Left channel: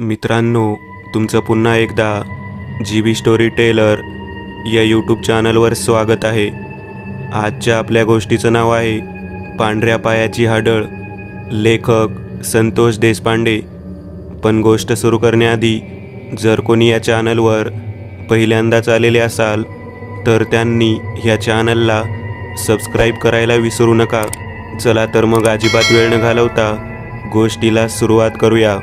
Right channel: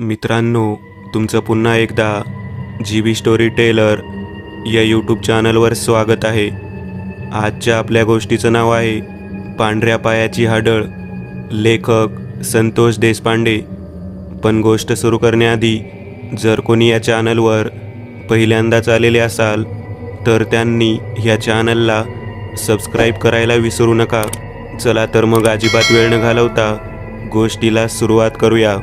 मित्रांनो, तुमचं पुन्हा एकदा GB स्टोरी टेलर या यूट्यूब चॅनलवर स्वागत आहे. आजच्या आपल्या गोष्टीचं नाव आहे पांढऱ्या पायाची हाडळ. लेखक संतोष देशपांडे. पण गोष्ट सुरू करण्याआधी जर कोणी या चॅनलवर पहिल्यांदाच आलेले असाल तर त्यांनी ह्या चॅनलला सबस्क्राईब करायला विसरू नका. चला तर मग अजिबात वेळ न घालवता गोष्टीला सुरुवात करूया.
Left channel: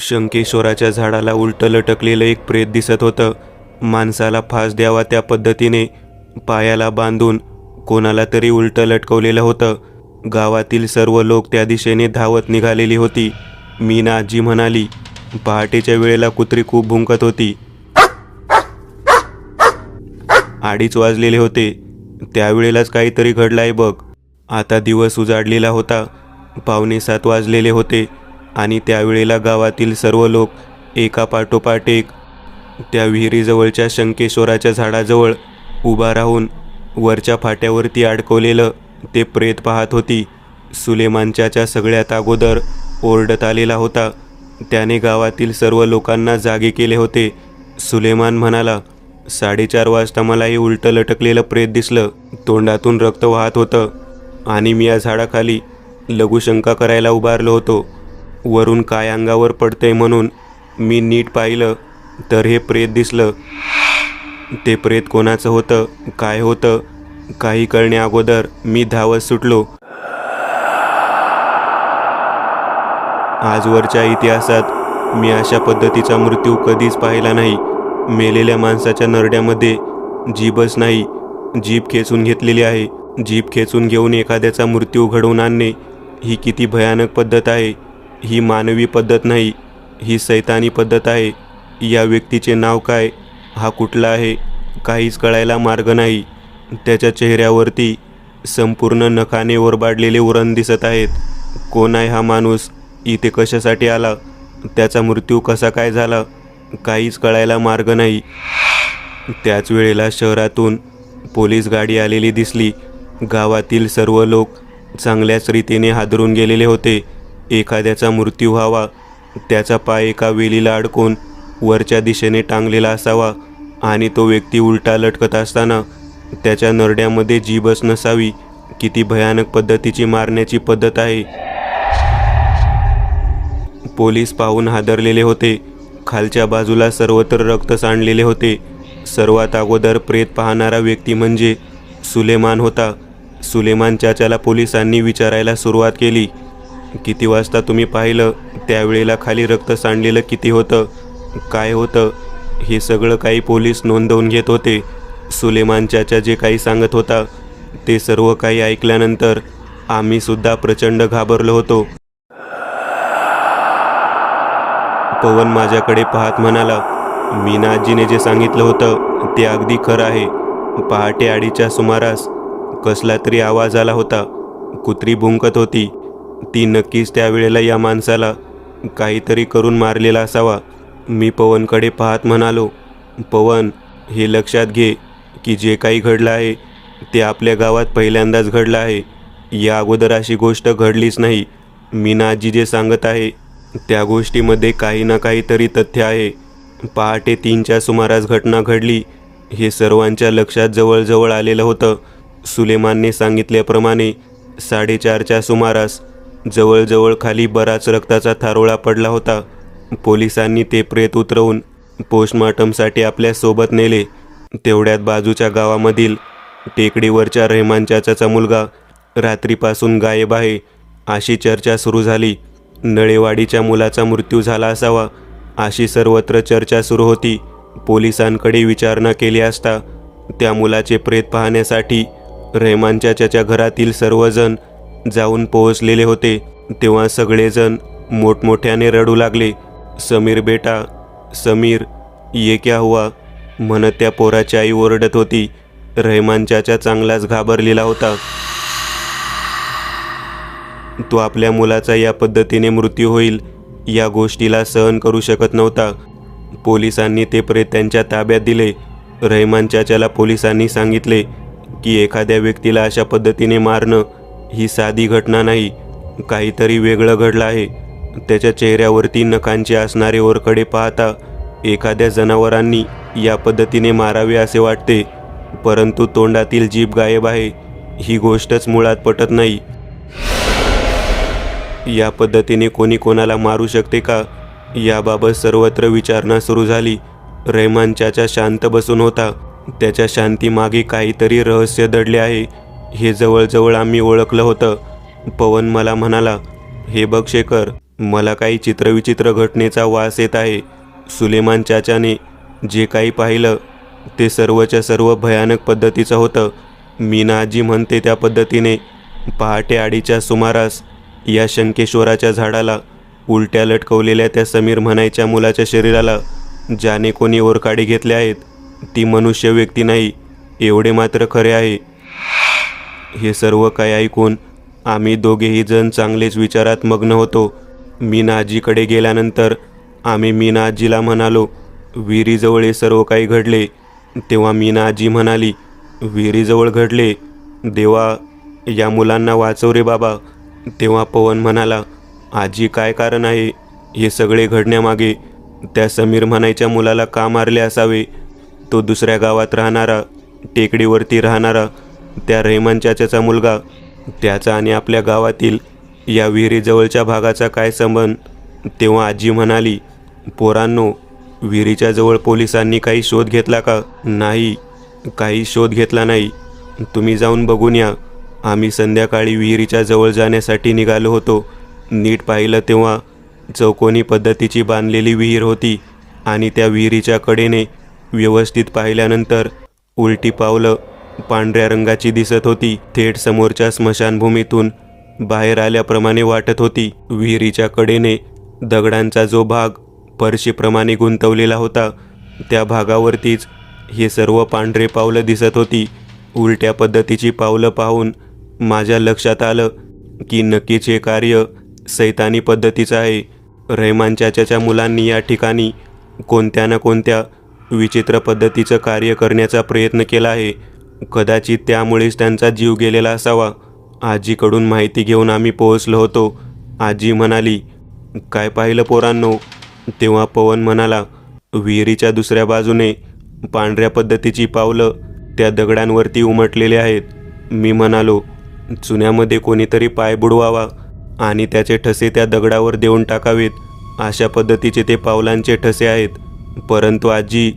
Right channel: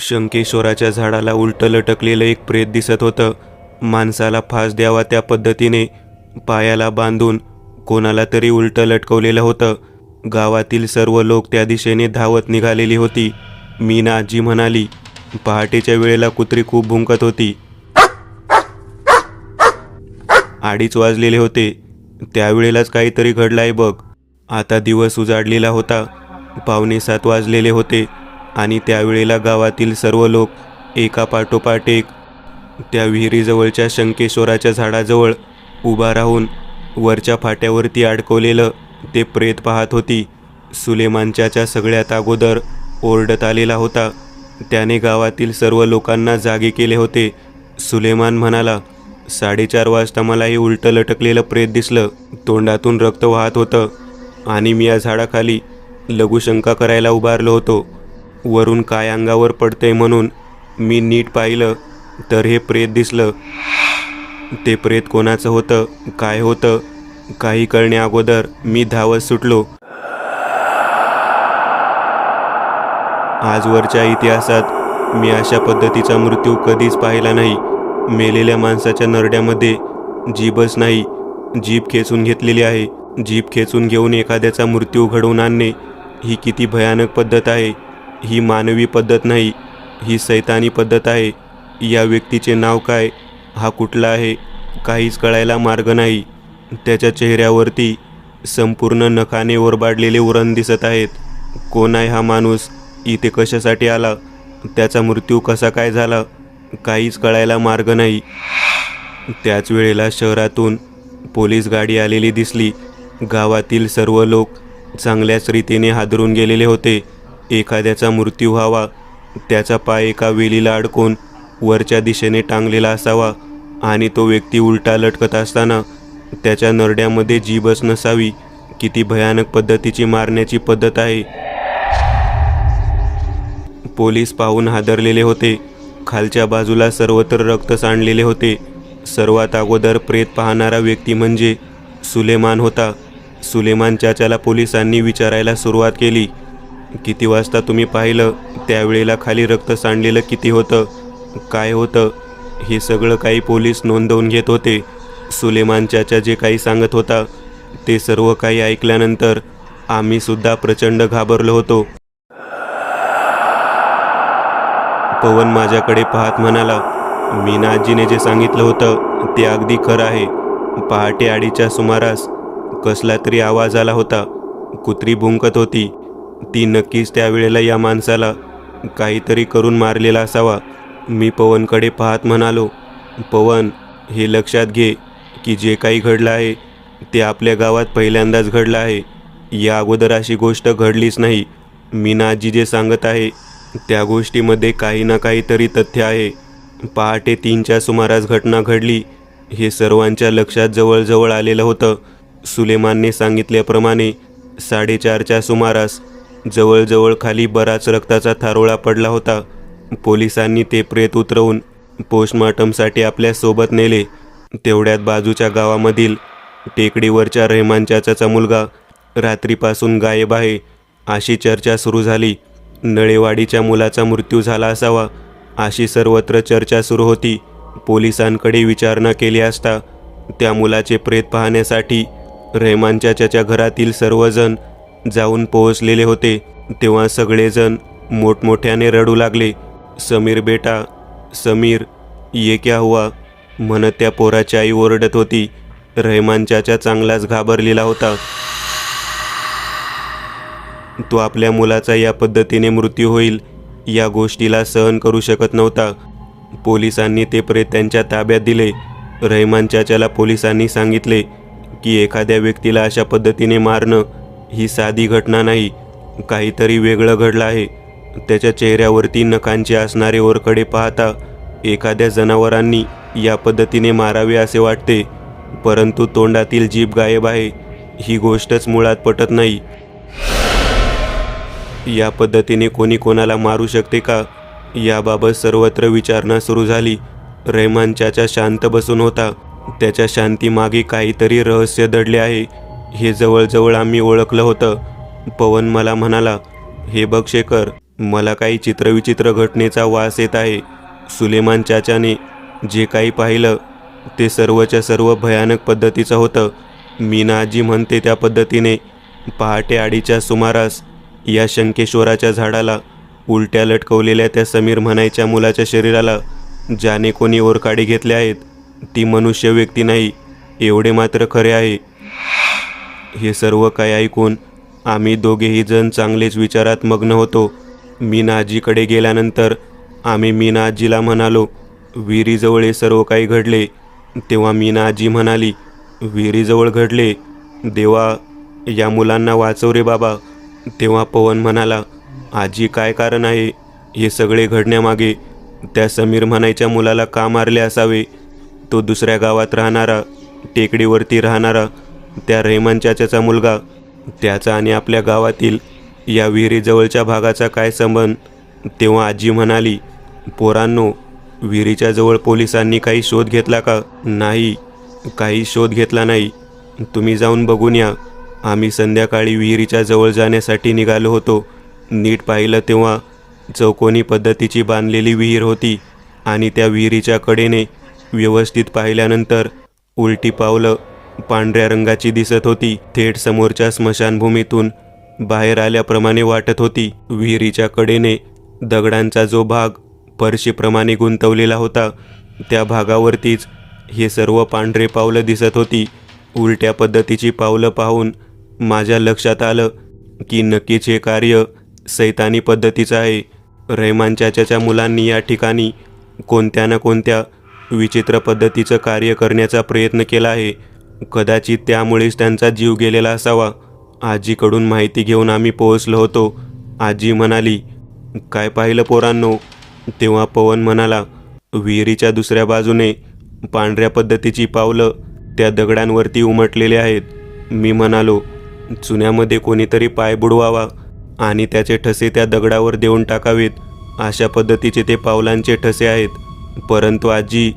शंकेश्वराच्या झाडाला उलटं लटकलेलं एक प्रेत दिसत होतं. माणसाला फास द्यावा त्या पद्धतीने पायाला बांधून कोणाला तरी उलटं लटकवलेलं होतं. गावातील सर्व लोक त्या दिशेने धावत निघालेली होती. मीना आजी म्हणाली, पहाटेच्या वेळेला कुत्री खूप भुंकत होती. 2:30 वाजलेले होते. त्यावेळेलाच काहीतरी घडलंय बघ. आता दिवस उजाडलेला होता. 6:45 वाजलेले होते आणि त्यावेळेला गावातील सर्व लोक एका पाठोपाठ एक त्या विहिरीजवळच्या शंकेश्वराच्या झाडाजवळ उभा राहून वरच्या फाट्यावरती अडकवलेलं ते प्रेत पाहत होती. सुलेमानच्या सगळ्यात अगोदर ओरडत आलेला होता. त्याने गावातील सर्व लोकांना जागे केले होते. सुलेमान म्हणाला, 4:30 वाजता मला हे उलटं लटकलेलं प्रेत दिसलं. तोंडातून रक्त वाहत होतं आणि मी या झाडाखाली लघुशंका करायला उभारलो होतो. वरून काय अंगावर पडतंय म्हणून मी नीट पाहिलं तर हे प्रेत दिसलं. ते प्रेत कोणाचं होतं, काय होतं, काही कळण्या अगोदर मी धावत सुटलो. आजवरच्या इतिहासात मी अशा पद्धतीचा मृत्यू कधीच पाहिला नाही. मेलेल्या माणसाच्या नरड्यामध्ये जीभच नाही, जीभ खेचून घेतलेली आहे. जीभ खेचून घेऊन एखाद्याचा मृत्यू घडवून आणणे ही किती भयानक पद्धत आहे. ही मानवी पद्धत नाही, ही सैतानी पद्धत आहे. या व्यक्तीचे नाव काय, हा कुठला आहे, काहीच कळायला मार्ग नाही. त्याच्या चेहऱ्यावरती संपूर्ण नखाने ओरबाडलेले उरण दिसत आहेत. कोण आहे हा माणूस, इथे कशासाठी आला, त्याचा मृत्यू कसा काय झाला, काहीच कळायला मार्ग नाही. त्याच वेळेला शहरातून पोलीस गाडी आलेली दिसली. गावातील सर्व लोक चांगल्याच रीतीने हादरून गेलेले होते. एखाद्याचा मृत्यू व्हावा, त्याचा पाय एका वेलीला अडकून वरच्या दिशेने टांगलेला असावा आणि तो व्यक्ती उलटा लटकत असताना त्याच्या नरड्यामध्ये जीभच नसावी. किती भयानक पद्धतीची मारण्याची पद्धत आहे. पोलीस पाहून हादरलेले होते. खालच्या बाजूला सर्वत्र रक्त सांडलेले होते. सर्वात अगोदर प्रेत पाहणारा व्यक्ती म्हणजे सुलेमान होता. सुलेमान चाचाला पोलिसांनी विचारायला सुरुवात केली, किती वाजता तुम्ही पाहिलं, त्यावेळेला खाली रक्त सांडलेलं किती होतं, काय होतं, हे सगळं काही पोलीस नोंदवून घेत होते. सुलेमान चाचा जे काही सांगत होता ते सर्व काही ऐकल्यानंतर आम्ही सुद्धा प्रचंड घाबरलो होतो. पवन माझ्याकडे पाहत म्हणाला, मीना आजीने जे सांगितलं होतं ते अगदी खरं आहे. पहाटे 2:30च्या सुमारास कसला तरी आवाज आला होता. कुत्री भुंकत होती. ती नक्कीच त्यावेळेला या माणसाला काहीतरी करून मारलेला असावा. मी पवनकडे पाहत म्हणालो, पवन, हे लक्षात घे की जे काही घडलं आहे ते आपल्या गावात पहिल्यांदाच घडलं आहे. या अगोदर अशी गोष्ट घडलीच नाही. मीना आजी जे सांगत आहे त्या गोष्टीमध्ये काही ना काहीतरी तथ्य आहे. पहाटे 3च्या सुमारास घटना घडली. हे सर्वांच्या लक्षात जवळजवळ आलेलं होतं. सुलेमानने सांगितल्याप्रमाणे 4:30च्या सुमारास जवळजवळ खाली बराच रक्ताचा थारोळा पडला होता. पोलिसांनी ते प्रेत उतरवून पोस्टमॉर्टमसाठी आपल्या सोबत नेले. तेवढ्यात बाजूच्या गावामधील टेकडीवरच्या रहमान चाचाचा मुलगा रात्रीपासून गायब आहे अशी चर्चा सुरू झाली. नळेवाडीच्या मुलाचा मृत्यू झाला असावा अशी सर्वत्र चर्चा सुरू होती. पोलिसांकडे विचारणा केली असता त्या मुलाचे प्रेत पाहण्यासाठी रहमान चाचाच्या घरातील सर्वजण जाऊन पोहोचलेले होते. तेव्हा सगळेजण मोठमोठ्याने रडू लागले. समीर बेटा, समीर, ये क्या हुआ म्हणत त्या पोराची आई ओरडत होती. रहमान चाचा चांगलाच घाबरलेला होता. तो आपल्या मुलाचा या पद्धतीने मृत्यू होईल या गोष्टीला सहन करू शकत नव्हता. पोलिसांनी ते प्रेत त्यांच्या ताब्यात दिले. रहमान चाचाला पोलिसांनी सांगितले की एखाद्या व्यक्तीला अशा पद्धतीने मारणं ही साधी घटना नाही, काहीतरी वेगळं घडलं आहे. त्याच्या चेहऱ्यावरती नखांचे असणारे ओरखडे पाहता एखाद्या जनावरांनी या पद्धतीने मारावे असे वाटते, परंतु तोंडातील जीभ गायब आहे ही गोष्टच मुळात पटत नाही. या पद्धतीने कोणी कोणाला मारू शकते का, याबाबत सर्वत्र विचारणा सुरू झाली. रहमान चाचा शांत बसून होता. त्याच्या शांतीमागे काहीतरी रहस्य दडले आहे हे जवळजवळ आम्ही ओळखलं होतं. पवन मला म्हणाला, हे बघ शेखर, मला काही चित्रविचित्र घटनेचा वास येत आहे. सुलेमान चाचाने जे काही पाहिलं ते सर्वच्या सर्व भयानक पद्धतीचं होतं. मीना आजी म्हणते त्या पद्धतीने पहाटे 2:30च्या सुमारास या शंकेश्वराच्या झाडाला उलट्या लटकवलेल्या त्या समीर म्हणायच्या मुलाच्या शरीराला ज्याने कोणी ओरकाडी घेतले आहेत ती मनुष्य व्यक्ती नाही, एवढे मात्र खरे आहे. हे सर्व काय ऐकून आम्ही दोघेही जण चांगलेच विचारात मग्न होतो. मीना आजीकडे गेल्यानंतर आम्ही मीना आजीला म्हणालो, विहिरीजवळ हे सर्व काही घडले. तेव्हा मीना आजी म्हणाली, विहिरीजवळ घडले? देवा, या मुलांना वाचव रे बाबा. तेव्हा पवन म्हणाला, आजी काय कारण आहे हे सगळे घडण्यामागे? त्या समीर म्हणायच्या मुलाला का मारले असावे? तो दुसऱ्या गावात राहणारा, टेकडीवरती राहणारा त्या रहमान चाचाचा मुलगा, त्याचा आणि आपल्या गावातील या विहिरीजवळच्या भागाचा काय संबंध? तेव्हा आजी म्हणाली, पोरांनो, विहिरीच्या जवळ पोलिसांनी काही शोध घेतला का? नाही, काही शोध घेतला नाही. तुम्ही जाऊन बघून या. आम्ही संध्याकाळी विहिरीच्या जवळ जाण्यासाठी निघालो होतो. नीट पाहिलं तेव्हा चौकोनी पद्धतीची बांधलेली विहीर होती आणि त्या विहिरीच्या कडेने व्यवस्थित पाहिल्यानंतर उलटी पावलं पांढऱ्या रंगाची दिसत होती. थेट समोरच्या स्मशानभूमीतून बाहेर आल्याप्रमाणे वाटत होती. विहिरीच्या कडेने दगडांचा जो भाग परशीप्रमाणे गुंतवलेला होता त्या भागावरतीच हे सर्व पांढरे पावलं दिसत होती. उलट्या पद्धतीची पावलं पाहून माझ्या लक्षात आलं की नक्कीच हे कार्य सैतानी पद्धतीचं आहे. रहमान चाचाच्या मुलांनी या ठिकाणी कोणत्या ना कोणत्या विचित्र पद्धतीचं कार्य करण्याचा प्रयत्न केला आहे. कदाचित त्यामुळेच त्यांचा जीव गेलेला असावा. आजीकडून माहिती घेऊन आम्ही पोहोचलो होतो. आजी म्हणाली, काय पाहिलं पोरांनो? तेव्हा पवन म्हणाला, विहिरीच्या दुसऱ्या बाजूने पांढऱ्या पद्धतीची पावलं त्या दगडांवरती उमटलेले आहेत. मी म्हणालो, चुन्यामध्ये कोणीतरी पाय बुडवावा आणि त्याचे ठसे त्या दगडावर देऊन टाकावेत, अशा पद्धतीचे ते पावलांचे ठसे आहेत. परंतु आजी,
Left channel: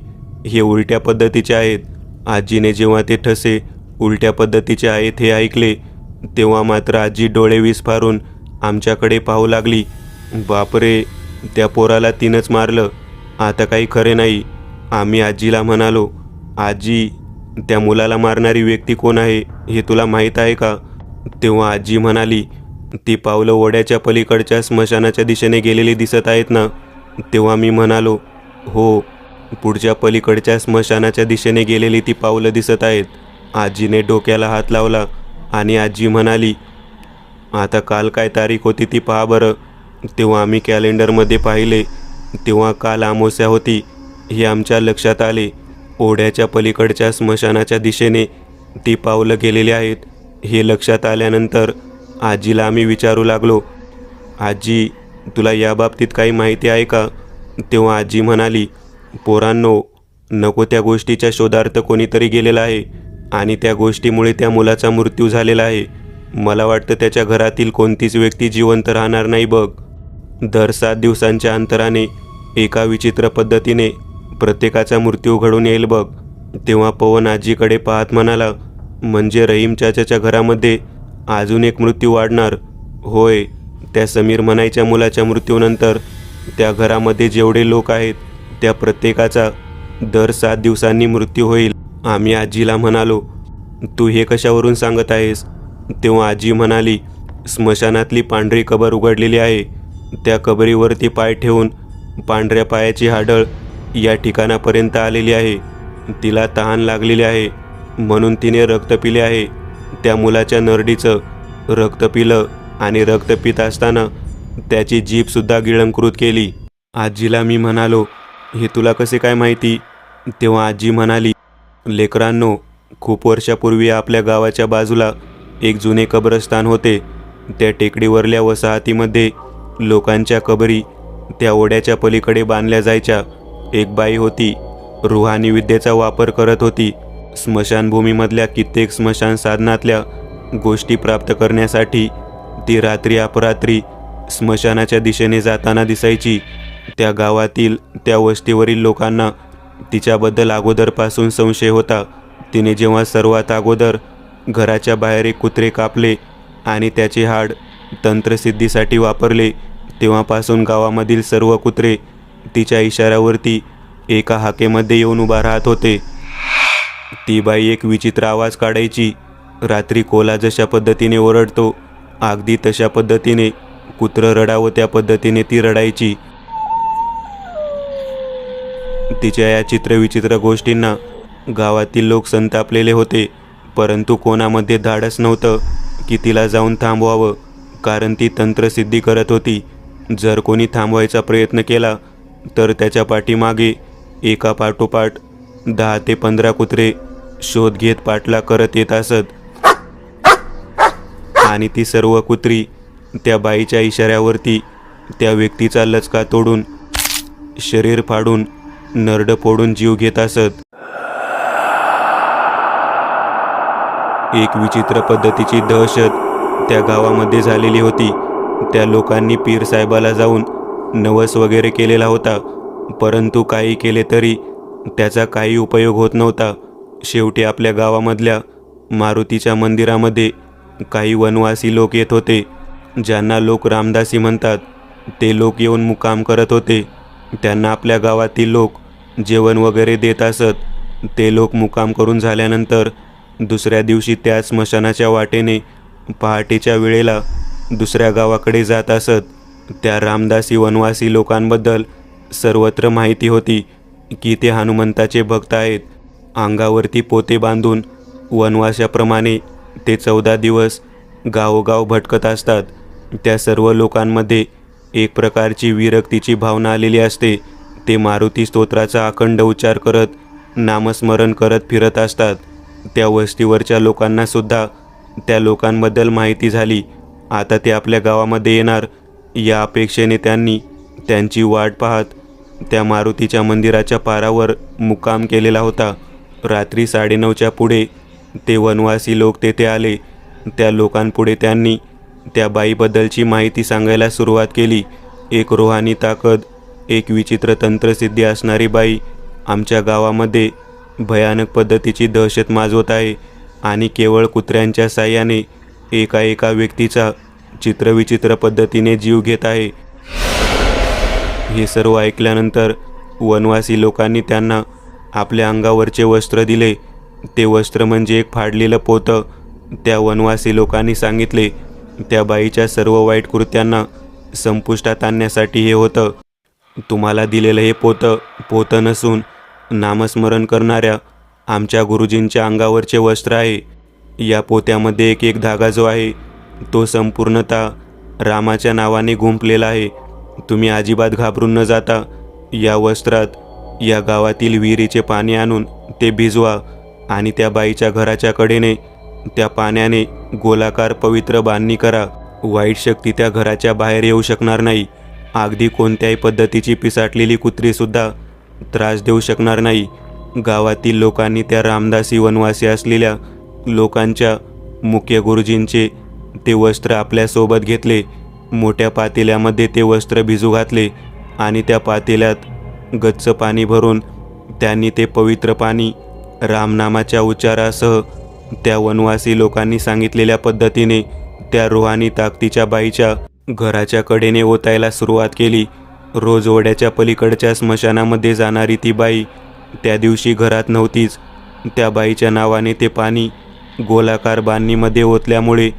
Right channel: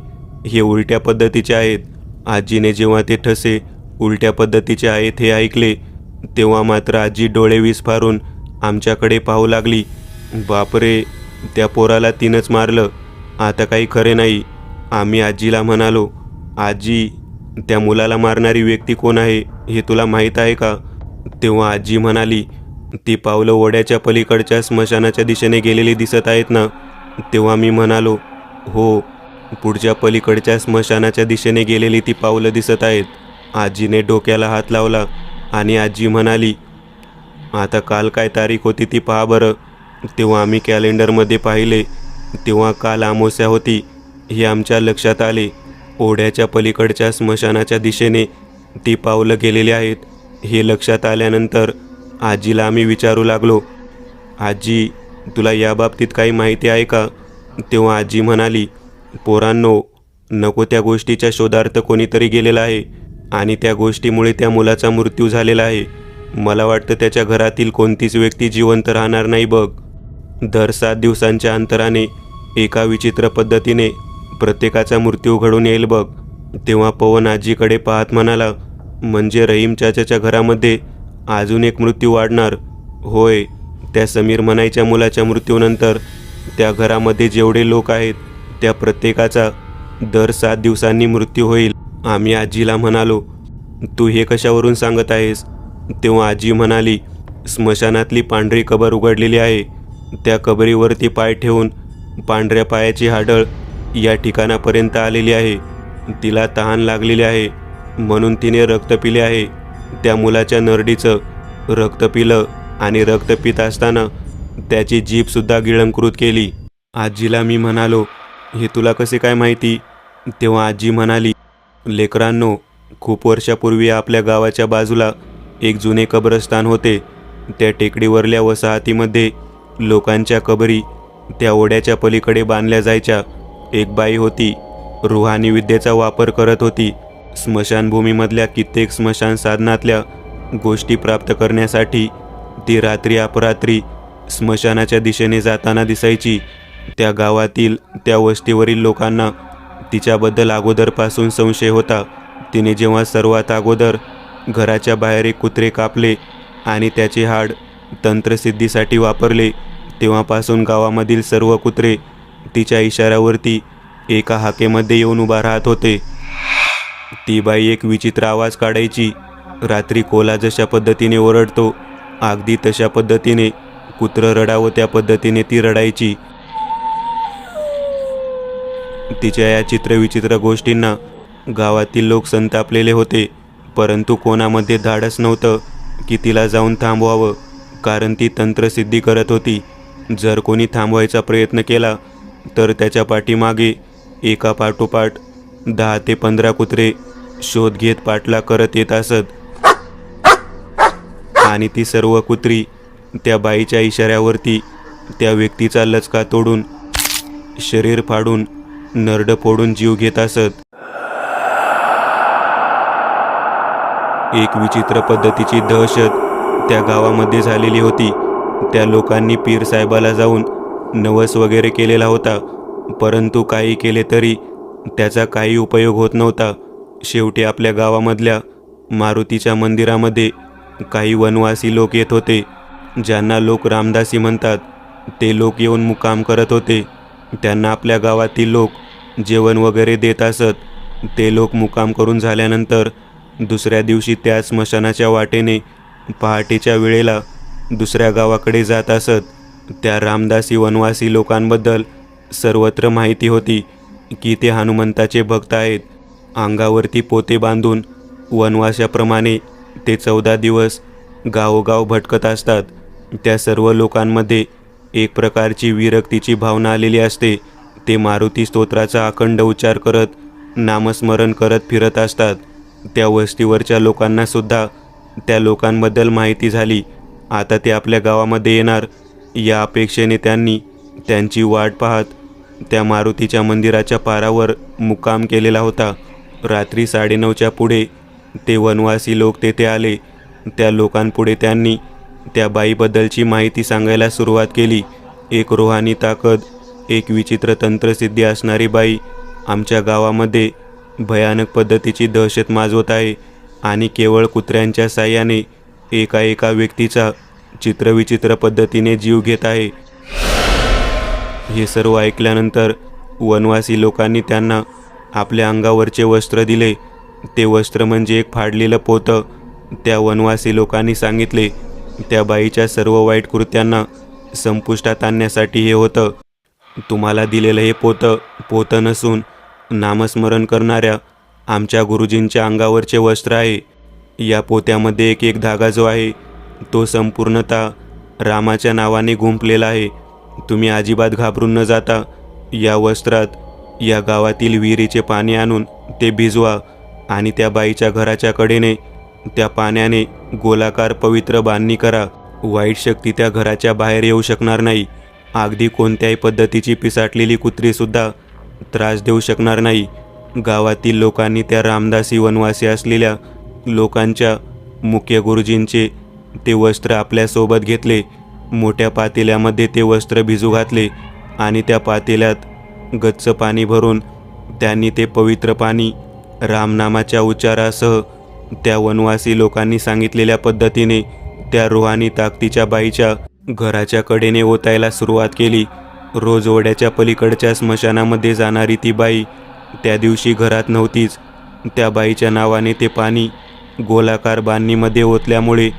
हे उलट्या पद्धतीचे आहेत. आजीने जेव्हा ते ठसे उलट्या पद्धतीचे आहेत हे ऐकले तेव्हा मात्र आजी डोळे विस्फारून आमच्याकडे पाहू लागली. बापरे, त्या पोराला तिनंच मारलं, आता काही खरे नाही. आम्ही आजीला म्हणालो, आजी, त्या मुलाला मारणारी व्यक्ती कोण आहे हे तुला माहीत आहे का? तेव्हा आजी म्हणाली, ती पावलं ओढ्याच्या पलीकडच्या स्मशानाच्या दिशेने गेलेली दिसत आहेत ना? तेव्हा मी म्हणालो, हो, पुढच्या पलीकडच्या स्मशानाच्या दिशेने गेलेली ती पावलं दिसत आहेत. आजीने डोक्याला हात लावला आणि आजी म्हणाली, आता काल काय तारीख होती ती पहा बरं. तेव्हा आम्ही कॅलेंडरमध्ये पाहिले तेव्हा काल अमावस्या होती हे आमच्या लक्षात आले. ओढ्याच्या पलीकडच्या स्मशानाच्या दिशेने ती पावलं गेलेली आहेत हे लक्षात आल्यानंतर आजीला आम्ही विचारू लागलो, आजी, तुला याबाबतीत काही माहिती आहे का? तेव्हा आजी म्हणाली, पोरांनो, नको त्या गोष्टीच्या शोधार्थ कोणीतरी गेलेला आहे आणि त्या गोष्टीमुळे त्या मुलाचा मृत्यू झालेला आहे. मला वाटतं त्याच्या घरातील कोणतीच व्यक्ती जिवंत राहणार नाही बघ. दर 7 दिवसांच्या अंतराने एका विचित्र पद्धतीने प्रत्येकाचा मृत्यू घडून येईल बघ. तेव्हा पवन आजीकडे पाहत म्हणाला, म्हणजे रहीम चाचाच्या घरामध्ये अजून एक मृत्यू वाढणार? होय, त्या समीर म्हणायच्या मुलाच्या मृत्यूनंतर त्या घरामध्ये जेवढे लोक आहेत त्या प्रत्येकाचा दर 7 दिवसांनी मृत्यू होईल. आम्ही आजीला म्हणालो, तू हे कशावरून सांगत आहेस? तेव्हा आजी म्हणाली, स्मशानातली पांढरी कबर उघडलेली आहे. त्या कबरीवरती पाय ठेवून पांढऱ्या पायाची हाडळ या ठिकाणापर्यंत आलेली आहे. तिला तहान लागलेली आहे म्हणून तिने रक्त पिले आहे. त्या मुलाच्या नरडीचं रक्त पिलं आणि रक्त पित असताना त्याची जीभसुद्धा गिळंकृत केली. आजीला मी म्हणालो, हे तुला कसे काय माहिती? तेव्हा आजी म्हणाली, लेकरांनो, खूप वर्षापूर्वी आपल्या गावाच्या बाजूला एक जुने कब्रस्तान होते. त्या टेकडीवरल्या वसाहतीमध्ये लोकांच्या कबरी त्या ओढ्याच्या पलीकडे बांधल्या जायच्या. एक बाई होती, रुहानी विद्येचा वापर करत होती. स्मशानभूमीमधल्या कित्येक स्मशान साधनातल्या गोष्टी प्राप्त करण्यासाठी ती रात्री अपरात्री स्मशानाच्या दिशेने जाताना दिसायची. त्या गावातील त्या वस्तीवरील लोकांना तिच्याबद्दल अगोदरपासून संशय होता. तिने जेव्हा सर्वात अगोदर घराच्या बाहेर एक कुत्रे कापले आणि त्याचे हाड तंत्रसिद्धीसाठी वापरले, तेव्हापासून गावामधील सर्व कुत्रे तिच्या इशाऱ्यावरती एका हाकेमध्ये येऊन उभा राहत होते. ती बाई एक विचित्र आवाज काढायची. रात्री कोल्हा जशा पद्धतीने ओरडतो, अगदी तशा पद्धतीने कुत्रं रडावं त्या पद्धतीने ती रडायची. तिच्या या चित्रविचित्र गोष्टींना गावातील लोक संतापलेले होते, परंतु कोणामध्ये धाडस नव्हतं की तिला जाऊन थांबवावं, कारण ती तंत्रसिद्धी करत होती. जर कोणी थांबवायचा प्रयत्न केला तर त्याच्या पाठीमागे एका पाठोपाठ 10 ते 15 कुत्रे शोध घेत पाठलाग करत येत असत आणि ती सर्व कुत्री त्या बाईच्या इशाऱ्यावरती त्या व्यक्तीचा लचका तोडून, शरीर फाडून, नरड फोडून जीव घेत असत. एक विचित्र पद्धतीची दहशत त्या गावामध्ये झालेली होती. त्या लोकांनी पीर साहेबाला जाऊन नवस वगैरे केलेला होता, परंतु काही केले तरी त्याचा काही उपयोग होत नव्हता. शेवटी आपल्या गावामधल्या मारुतीच्या मंदिरामध्ये काही वनवासी लोक येत होते, ज्यांना लोक रामदासी म्हणतात. ते लोक येऊन मुक्काम करत होते. त्यांना आपल्या गावातील लोक जेवण वगैरे देत असत. ते लोक मुक्काम करून झाल्यानंतर दुसऱ्या दिवशी त्या स्मशानाच्या वाटेने पहाटेच्या वेळेला दुसऱ्या गावाकडे जात असत. त्या रामदासी वनवासी लोकांबद्दल सर्वत्र माहिती होती की ते हनुमंताचे भक्त आहेत. अंगावरती पोते बांधून वनवासाप्रमाणे ते 14 दिवस गावोगाव भटकत असतात. त्या सर्व लोकांमध्ये एक प्रकारची विरक्तीची भावना आलेली असते. ते मारुती स्तोत्राचा अखंड उच्चार करत, नामस्मरण करत फिरत असतात. त्या वस्तीवरच्या लोकांना सुद्धा त्या लोकांबद्दल माहिती झाली. आता ते आपल्या गावामध्ये येणार या अपेक्षेने त्यांनी त्यांची वाट पाहत त्या मारुतीच्या मंदिराच्या पारावर मुक्काम केलेला होता. रात्री 9:30च्या पुढे ते वनवासी लोक तेथे आले. त्या लोकांपुढे त्यांनी त्या बाईबद्दलची माहिती सांगायला सुरुवात केली. एक रूहानी ताकद, एक विचित्र तंत्रसिद्धी असणारी बाई आमच्या गावामध्ये भयानक पद्धतीची दहशत माजवत आहे आणि केवळ कुत्र्यांच्या साह्याने एका व्यक्तीचा चित्रविचित्र पद्धतीने जीव घेत आहे. हे सर्व ऐकल्यानंतर वनवासी लोकांनी त्यांना आपल्या अंगावरचे वस्त्र दिले. ते वस्त्र म्हणजे एक फाडलेलं पोतं. त्या वनवासी लोकांनी सांगितले, त्या बाईच्या सर्व वाईट कृत्यांना संपुष्टात आणण्यासाठी हे होतं. तुम्हाला दिलेलं हे पोतं नसून नामस्मरण करणाऱ्या आमच्या गुरुजींच्या अंगावरचे वस्त्र आहे. या पोत्यामध्ये एक धागा जो आहे तो संपूर्णतः रामाच्या नावाने गुंफलेला आहे. तुम्ही अजिबात घाबरून न जाता या वस्त्रात या गावातील विहिरीचे पाणी आणून ते भिजवा आणि त्या बाईच्या घराच्या कडेने त्या पाण्याने गोलाकार पवित्र बांधणी करा. वाईट शक्ती त्या घराच्या बाहेर येऊ शकणार नाही. अगदी कोणत्याही पद्धतीची पिसाटलेली कुत्रीसुद्धा त्रास देऊ शकणार नाही. गावातील लोकांनी त्या रामदासी वनवासी असलेल्या लोकांच्या मुख्य गुरुजींचे ते वस्त्र आपल्यासोबत घेतले. मोठ्या पातेल्यामध्ये ते वस्त्र भिजू घातले आणि त्या पातेल्यात गच्च पाणी भरून त्यांनी ते पवित्र पाणी रामनामाच्या उच्चारासह त्या वनवासी लोकांनी सांगितलेल्या पद्धतीने त्या रूहानी ताकदीच्या बाईच्या घराच्या कडेने ओतायला सुरुवात केली. रोज ओढ्याच्या पलीकडच्या स्मशानामध्ये जाणारी ती बाई त्या दिवशी घरात नव्हतीच. त्या बाईच्या नावाने ते पाणी गोलाकार बांधणीमध्ये ओतल्यामुळे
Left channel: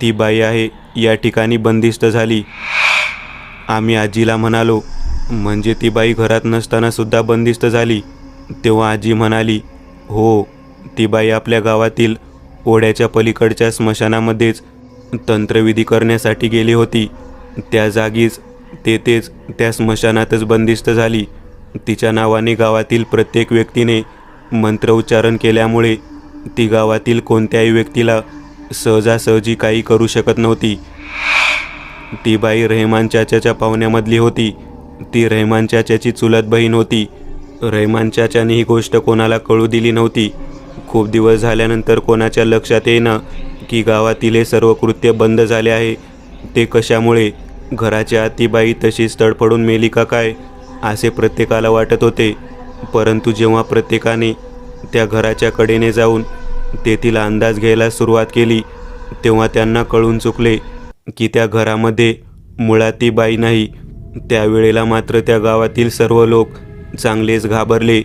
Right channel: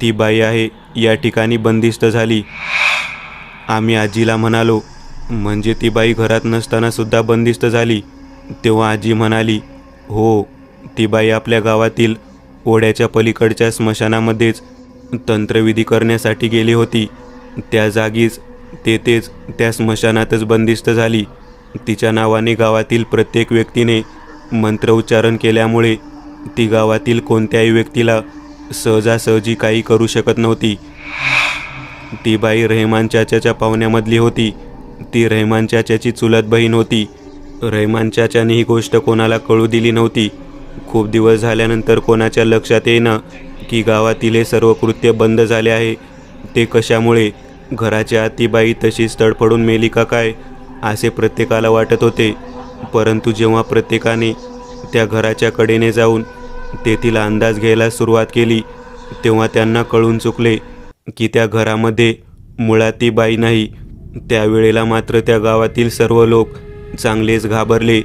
ती बाई आहे या ठिकाणी बंदिस्त झाली. आम्ही आजीला म्हणालो, म्हणजे ती बाई घरात नसताना सुद्धा बंदिस्त झाली? तेव्हा आजी म्हणाली, हो, ती बाई आपल्या गावातील ओढ्याच्या पलीकडच्या स्मशानामध्येच तंत्रविधी करण्यासाठी गेली होती त्या जागीच तेथेच त्या स्मशानातच बंदिस्त झाली. तिच्या नावाने गावातील प्रत्येक व्यक्तीने मंत्रोच्चारण केल्यामुळे ती गावातील कोणत्याही व्यक्तीला सहजासहजी काही करू शकत नव्हती. ती बाई रहमान चाचाच्या पाहुण्यामधली होती. ती रहमान चाचाची चुलत बहीण होती. रहमान चाचाने ही गोष्ट कोणाला कळू दिली नव्हती. खूप दिवस झाल्यानंतर कोणाच्या लक्षात येईना की गावातील हे सर्व कृत्य बंद झाले आहे. ते कशामुळे? घराच्या आत ती बाई तशीच तडफडून मेली का काय असे प्रत्येकाला वाटत होते. परंतु जेव्हा प्रत्येकाने त्या घराच्या कडेने जाऊन तेथील अंदाज घ्यायला सुरुवात केली तेव्हा त्यांना कळून चुकले की त्या घरामध्ये मुळात ती बाई नाही. त्यावेळेला मात्र त्या गावातील सर्व लोक चांगलेच घाबरले.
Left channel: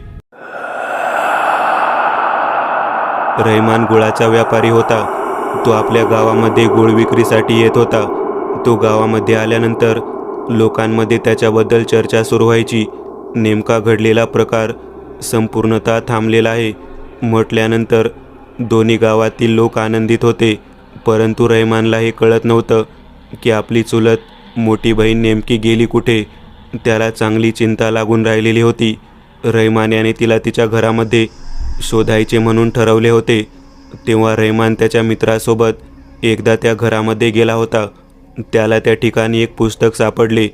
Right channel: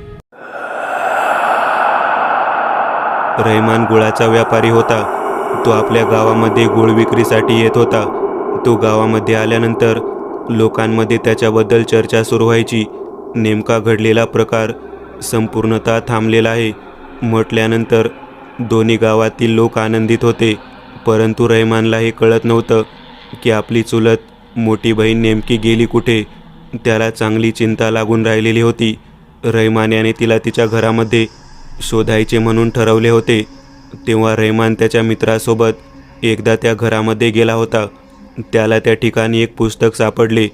रहमान गुळाचा व्यापारी होता. तो आपल्या गावामध्ये गुळ विक्रीसाठी येत होता. तो गावामध्ये आल्यानंतर लोकांमध्ये त्याच्याबद्दल चर्चा सुरू व्हायची. नेमका घडलेला प्रकार संपूर्णतः थांबलेला आहे म्हटल्यानंतर दोन्ही गावातील लोक आनंदित होते. परंतु रहमानला हे कळत नव्हतं की आपली चुलत मोठी बहीण नेमकी गेली कुठे. त्याला चांगली चिंता लागून राहिलेली होती. रहमान याने तिला तिच्या घरामध्ये शोधायचे म्हणून ठरवले होते. तेव्हा रहमान त्याच्या मित्रासोबत एकदा त्या घरामध्ये गेला होता. त्याला त्या ठिकाणी एक पुस्तक सापडले.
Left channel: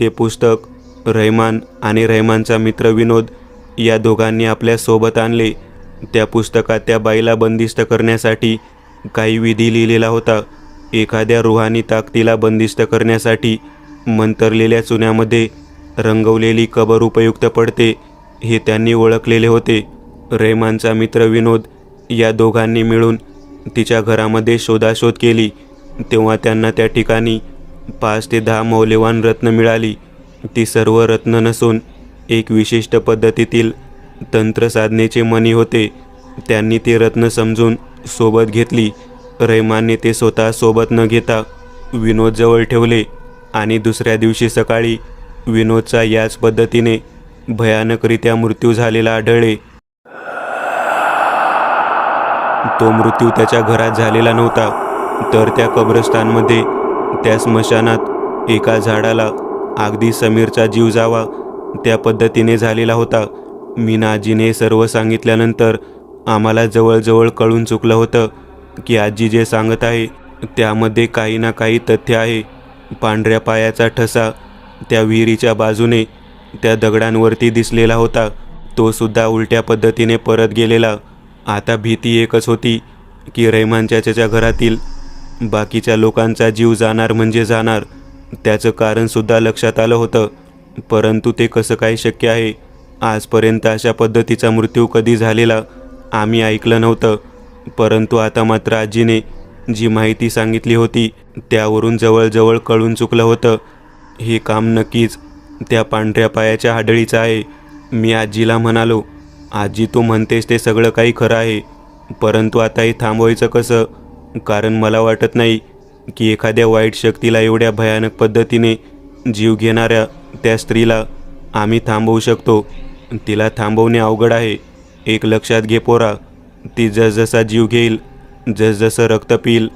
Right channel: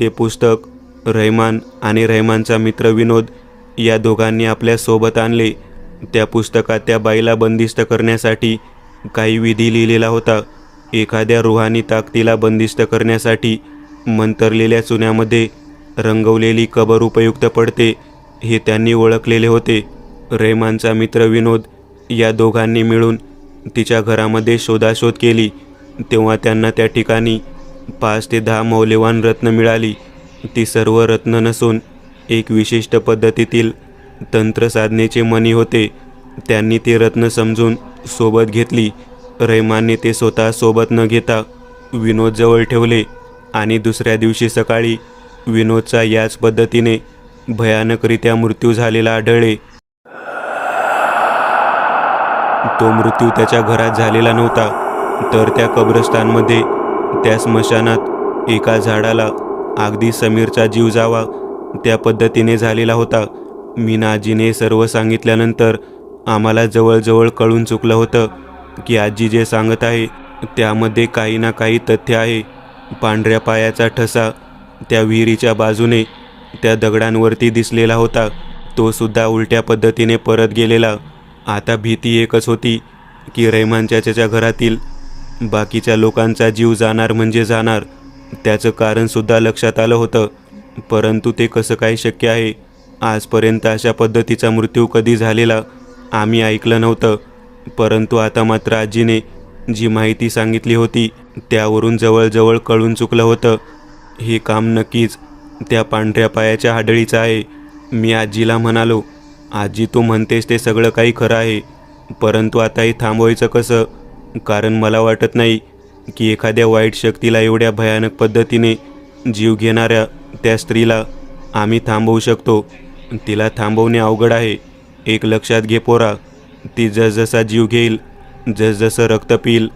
ते पुस्तक रहमान आणि रहमानचा मित्र विनोद या दोघांनी आपल्या सोबत आणले. त्या पुस्तकात त्या बाईला बंदिस्त करण्यासाठी काही विधी लिहिलेला होता. एखाद्या रुहानी ताकदीला बंदिस्त करण्यासाठी मंतरलेल्या चुन्यामध्ये रंगवलेली कबर उपयुक्त पडते हे त्यांनी ओळखलेले होते. रहमानचा मित्र विनोद या दोघांनी मिळून तिच्या घरामध्ये शोधाशोध केली. तेव्हा त्यांना त्या ठिकाणी 5 ते 10 मौल्यवान रत्न मिळाली. ती सर्व रत्न नसून एक विशिष्ट पद्धतीतील तंत्रसाधनेचे मणी होते. त्यांनी ते रत्न समजून सोबत घेतली. रहमानने ते स्वतः सोबत न घेता विनोदजवळ ठेवले आणि दुसऱ्या दिवशी सकाळी विनोदचा याच पद्धतीने भयानकरित्या मृत्यू झालेला आढळले. तो मृत्यू त्याच्या घरात झालेला नव्हता तर त्या कब्रस्तानमध्ये, त्या स्मशानात एका झाडाला अगदी समीरचा जीव जावा त्या पद्धतीने झालेला होता. मीना आजीने सर्व सांगितल्यानंतर आम्हाला जवळजवळ कळून चुकलं होतं की आजी जे सांगत आहे त्यामध्ये काही ना काही तथ्य आहे. पांढऱ्या पायाचा ठसा त्या विहिरीच्या बाजूने त्या दगडांवरती दिसलेला होता. तो सुद्धा उलट्या पद्धतीने परत गेलेला. आता भीती एकच होती की रहमान चाचाच्या घरातील बाकीच्या लोकांचा जीव जाणार म्हणजे जाणार. त्याचं कारणसुद्धा लक्षात आलं होतं. परंतु ते कसं काय शक्य आहे? आजपर्यंत अशा पद्धतीचा मृत्यू कधी झालेला आम्ही ऐकलं नव्हतं. परंतु आता मात्र आजीने जी माहिती सांगितली होती त्यावरून जवळजवळ कळून चुकलं होतं. हे काम नक्कीच त्या पांढऱ्या पायाच्या हाडळीचं आहे. मी आजीला म्हणालो, आजी तू म्हणतेस ते सगळं काही खरं आहे, परंतु आता हे थांबवायचं कसं? कारण मला वाटत नाही की एखाद्या वाईट शक्तीला एवढ्या भयानक पद्धतीने जीव घेणाऱ्या त्या स्त्रीला आम्ही थांबवू शकतो. तिला थांबवणे अवघड आहे. एक लक्षात घे पोरा, ती जसजसा जीव घेईल, जसजसं रक्त पिईल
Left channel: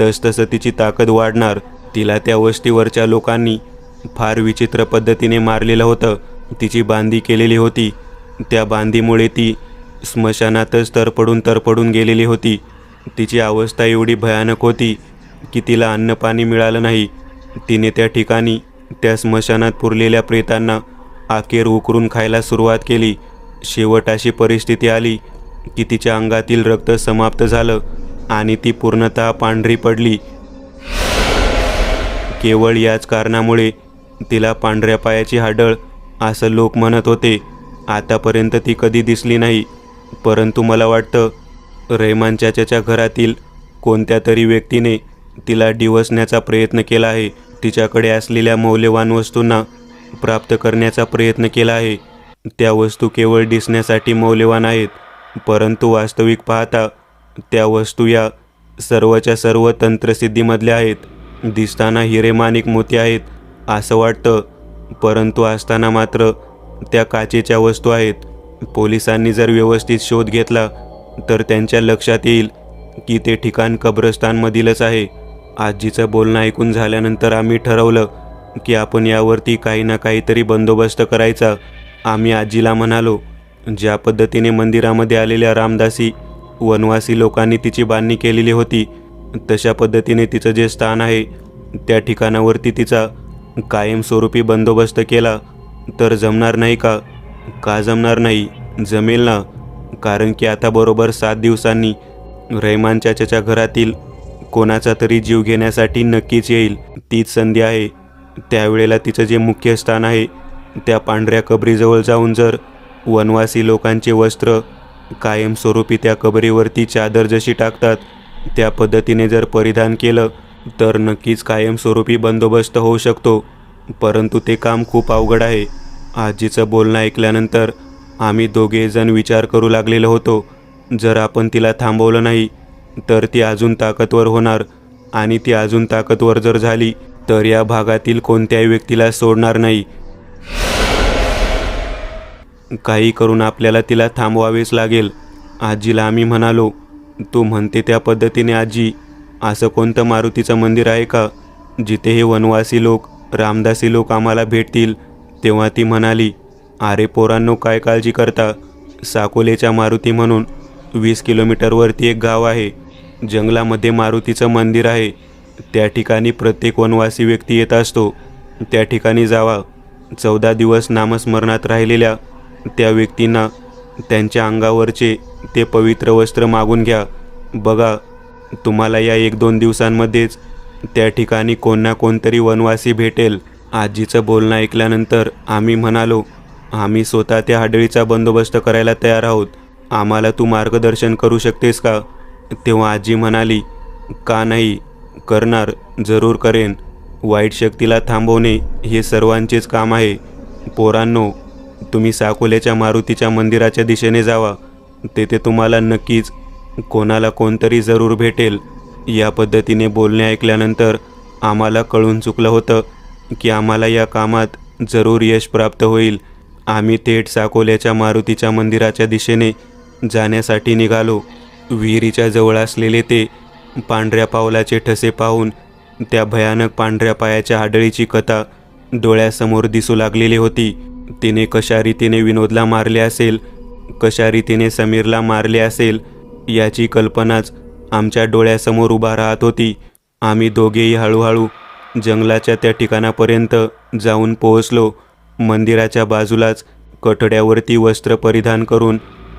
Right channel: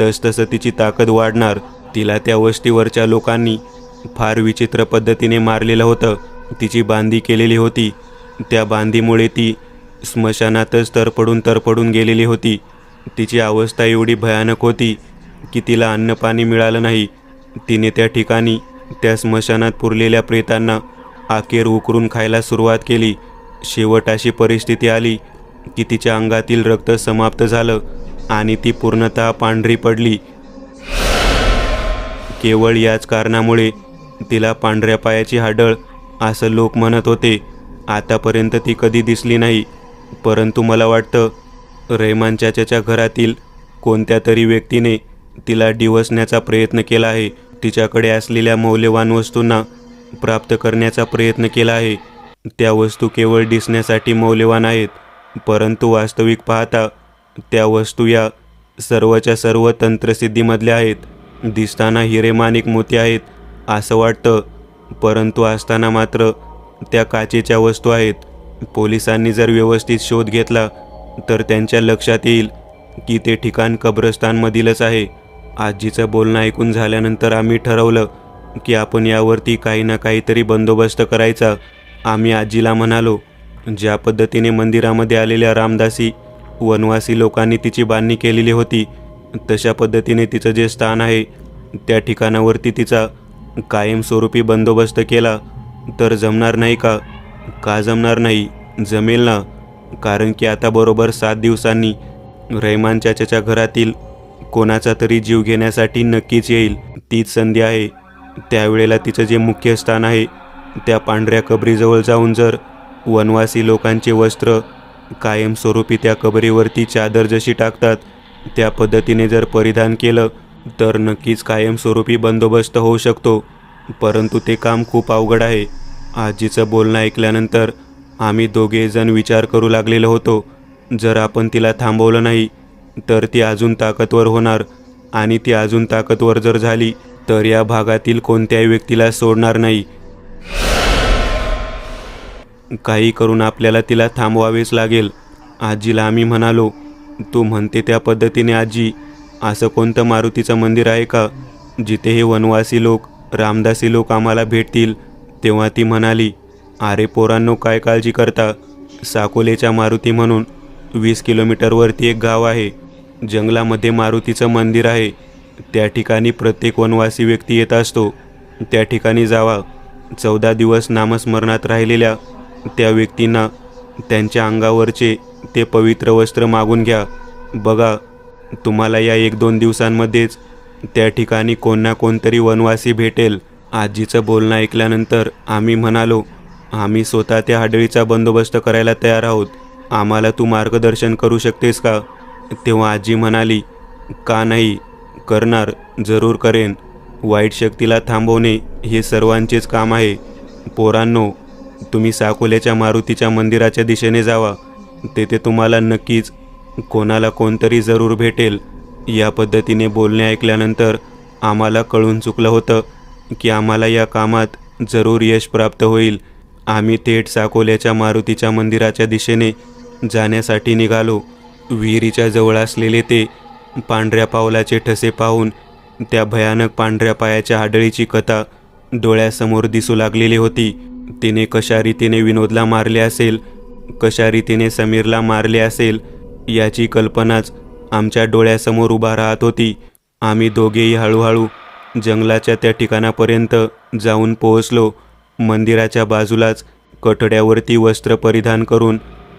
तसतसं तिची ताकद वाढणार. तिला त्या वस्तीवरच्या लोकांनी फार विचित्र पद्धतीने मारलेलं होतं. तिची बांधी केलेली होती. त्या बांधीमुळे ती स्मशानातच तरपडून गेलेली होती. तिची अवस्था एवढी भयानक होती की तिला अन्नपाणी मिळालं नाही. तिने त्या ठिकाणी त्या स्मशानात पुरलेल्या प्रेतांना अखेर उकरून खायला सुरुवात केली. शेवट अशी परिस्थिती आली की तिच्या अंगातील रक्त समाप्त झालं आणि ती पूर्णतः पांढरी पडली. केवळ याच कारणामुळे तिला पांढऱ्या पायाची हाडळ असं लोक म्हणत होते. आतापर्यंत ती कधी दिसली नाही. परंतु मला वाटतं रहमान चाचाच्या घरातील कोणत्या तरी व्यक्तीने तिला डिवसण्याचा प्रयत्न केला आहे. तिच्याकडे असलेल्या मौल्यवान वस्तूंना प्राप्त करण्याचा प्रयत्न केला आहे. त्या वस्तू केवळ दिसण्यासाठी मौल्यवान आहेत, परंतु वास्तविक पाहता त्या वस्तू या सर्वच्या सर्व तंत्रसिद्धीमधल्या आहेत. दिसताना हिरेमाणिक मोती आहेत असं वाटतं, परंतु असताना मात्र त्या काचेच्या वस्तू आहेत. पोलिसांनी जर व्यवस्थित शोध घेतला तर त्यांच्या लक्षात येईल की ते ठिकाण कब्रस्तानमधीलच आहे. आजीचं बोलणं ऐकून झाल्यानंतर आम्ही ठरवलं की आपण यावरती काही ना काहीतरी बंदोबस्त करायचा. आम्ही आजीला म्हणालो, ज्या पद्धतीने मंदिरामध्ये आलेल्या रामदासी वनवासी लोकांनी तिची बांधणी केलेली होती, तशा पद्धतीने तिचं जे स्थान आहे त्या ठिकाणावरती तिचा कायमस्वरूपी बंदोबस्त केला तर जमणार नाही का? का जमणार नाही? जमेल ना. कारण की आता बरोबर 7 दिवसांनी रहमान चाचाच्या घरातील कोणाचा तरी जीव घेण्यासाठी नक्कीच येईल. तीच संधी आहे. त्यावेळेला तिचं जे मुख्य स्थान आहे त्या पांढऱ्या कबरीजवळ जाऊन जर वनवासी लोकांचे वस्त्र कायमस्वरूपी त्या कबरीवरती चादर जशी टाकतात त्या पद्धतीने जर परिधान केलं तर नक्कीच कायमस्वरूपी बंदोबस्त होऊ शकतो. परंतु ते काम खूप अवघड आहे. आजीचं बोलणं ऐकल्यानंतर आम्ही दोघेजण विचार करू लागलेलो होतो. जर आपण तिला थांबवलं नाही तर ती अजून ताकदवर होणार आणि ती अजून ताकदवर जर झाली तर या भागातील कोणत्याही व्यक्तीला सोडणार नाही. काही करून आपल्याला तिला थांबवावेच लागेल. आजीला आम्ही म्हणालो, तू म्हणते त्या पद्धतीने आजी, असं कोणतं मारुतीचं मंदिर आहे का जिथे हे वनवासी लोक रामदासी लोक आम्हाला भेटतील? तेव्हा ती म्हणाली, अरे पोरांनो, काय काळजी करता? साकोलेच्या मारुती म्हणून 20 किलोमीटरवरती एक गाव आहे. जंगलामध्ये मारुतीचं मंदिर आहे. त्या ठिकाणी प्रत्येक वनवासी व्यक्ती येत असतो. त्या ठिकाणी जावा. 14 दिवस नामस्मरणात राहिलेल्या त्या व्यक्तींना त्यांच्या अंगावरचे ते पवित्र वस्त्र मागून घ्या. बघा, तुम्हाला या 1-2 दिवसांमध्येच त्या ठिकाणी कोण ना कोणतरी वनवासी भेटेल. आजीचं बोलणं ऐकल्यानंतर आम्ही म्हणालो, आम्ही स्वतः त्या हाडळीचा बंदोबस्त करायला तयार आहोत. आम्हाला तू मार्गदर्शन करू शकतेस का? तेव्हा आजी म्हणाली, का नाही, करणार, जरूर करेन. वाईट शक्तीला थांबवणे हे सर्वांचेच काम आहे. पोरांनो, तुम्ही साकोल्याच्या मारुतीच्या मंदिराच्या दिशेने जावा. तेथे तुम्हाला नक्कीच कोणाला कोणतरी जरूर भेटेल. या पद्धतीने बोलणे ऐकल्यानंतर आम्हाला कळून चुकलं होतं की आम्हाला या कामात जरूर यश प्राप्त होईल. आम्ही थेट साकोल्याच्या मारुतीच्या मंदिराच्या दिशेने जाण्यासाठी निघालो. विहिरीच्या जवळ असलेले ते पांढऱ्या पावलाचे ठसे पाहून त्या भयानक पांढऱ्या पायाच्या आडळीची कथा डोळ्यासमोर दिसू लागलेली होती. तिने कशा रीतीने विनोदला मारले असेल, कशा रीतीने समीरला मारले असेल, याची कल्पनाच आमच्या डोळ्यासमोर उभा राहत होती. आम्ही दोघेही हळूहळू जंगलाच्या त्या ठिकाणापर्यंत जाऊन पोहोचलो. मंदिराच्या बाजूलाच कठड्यावरती वस्त्र परिधान करून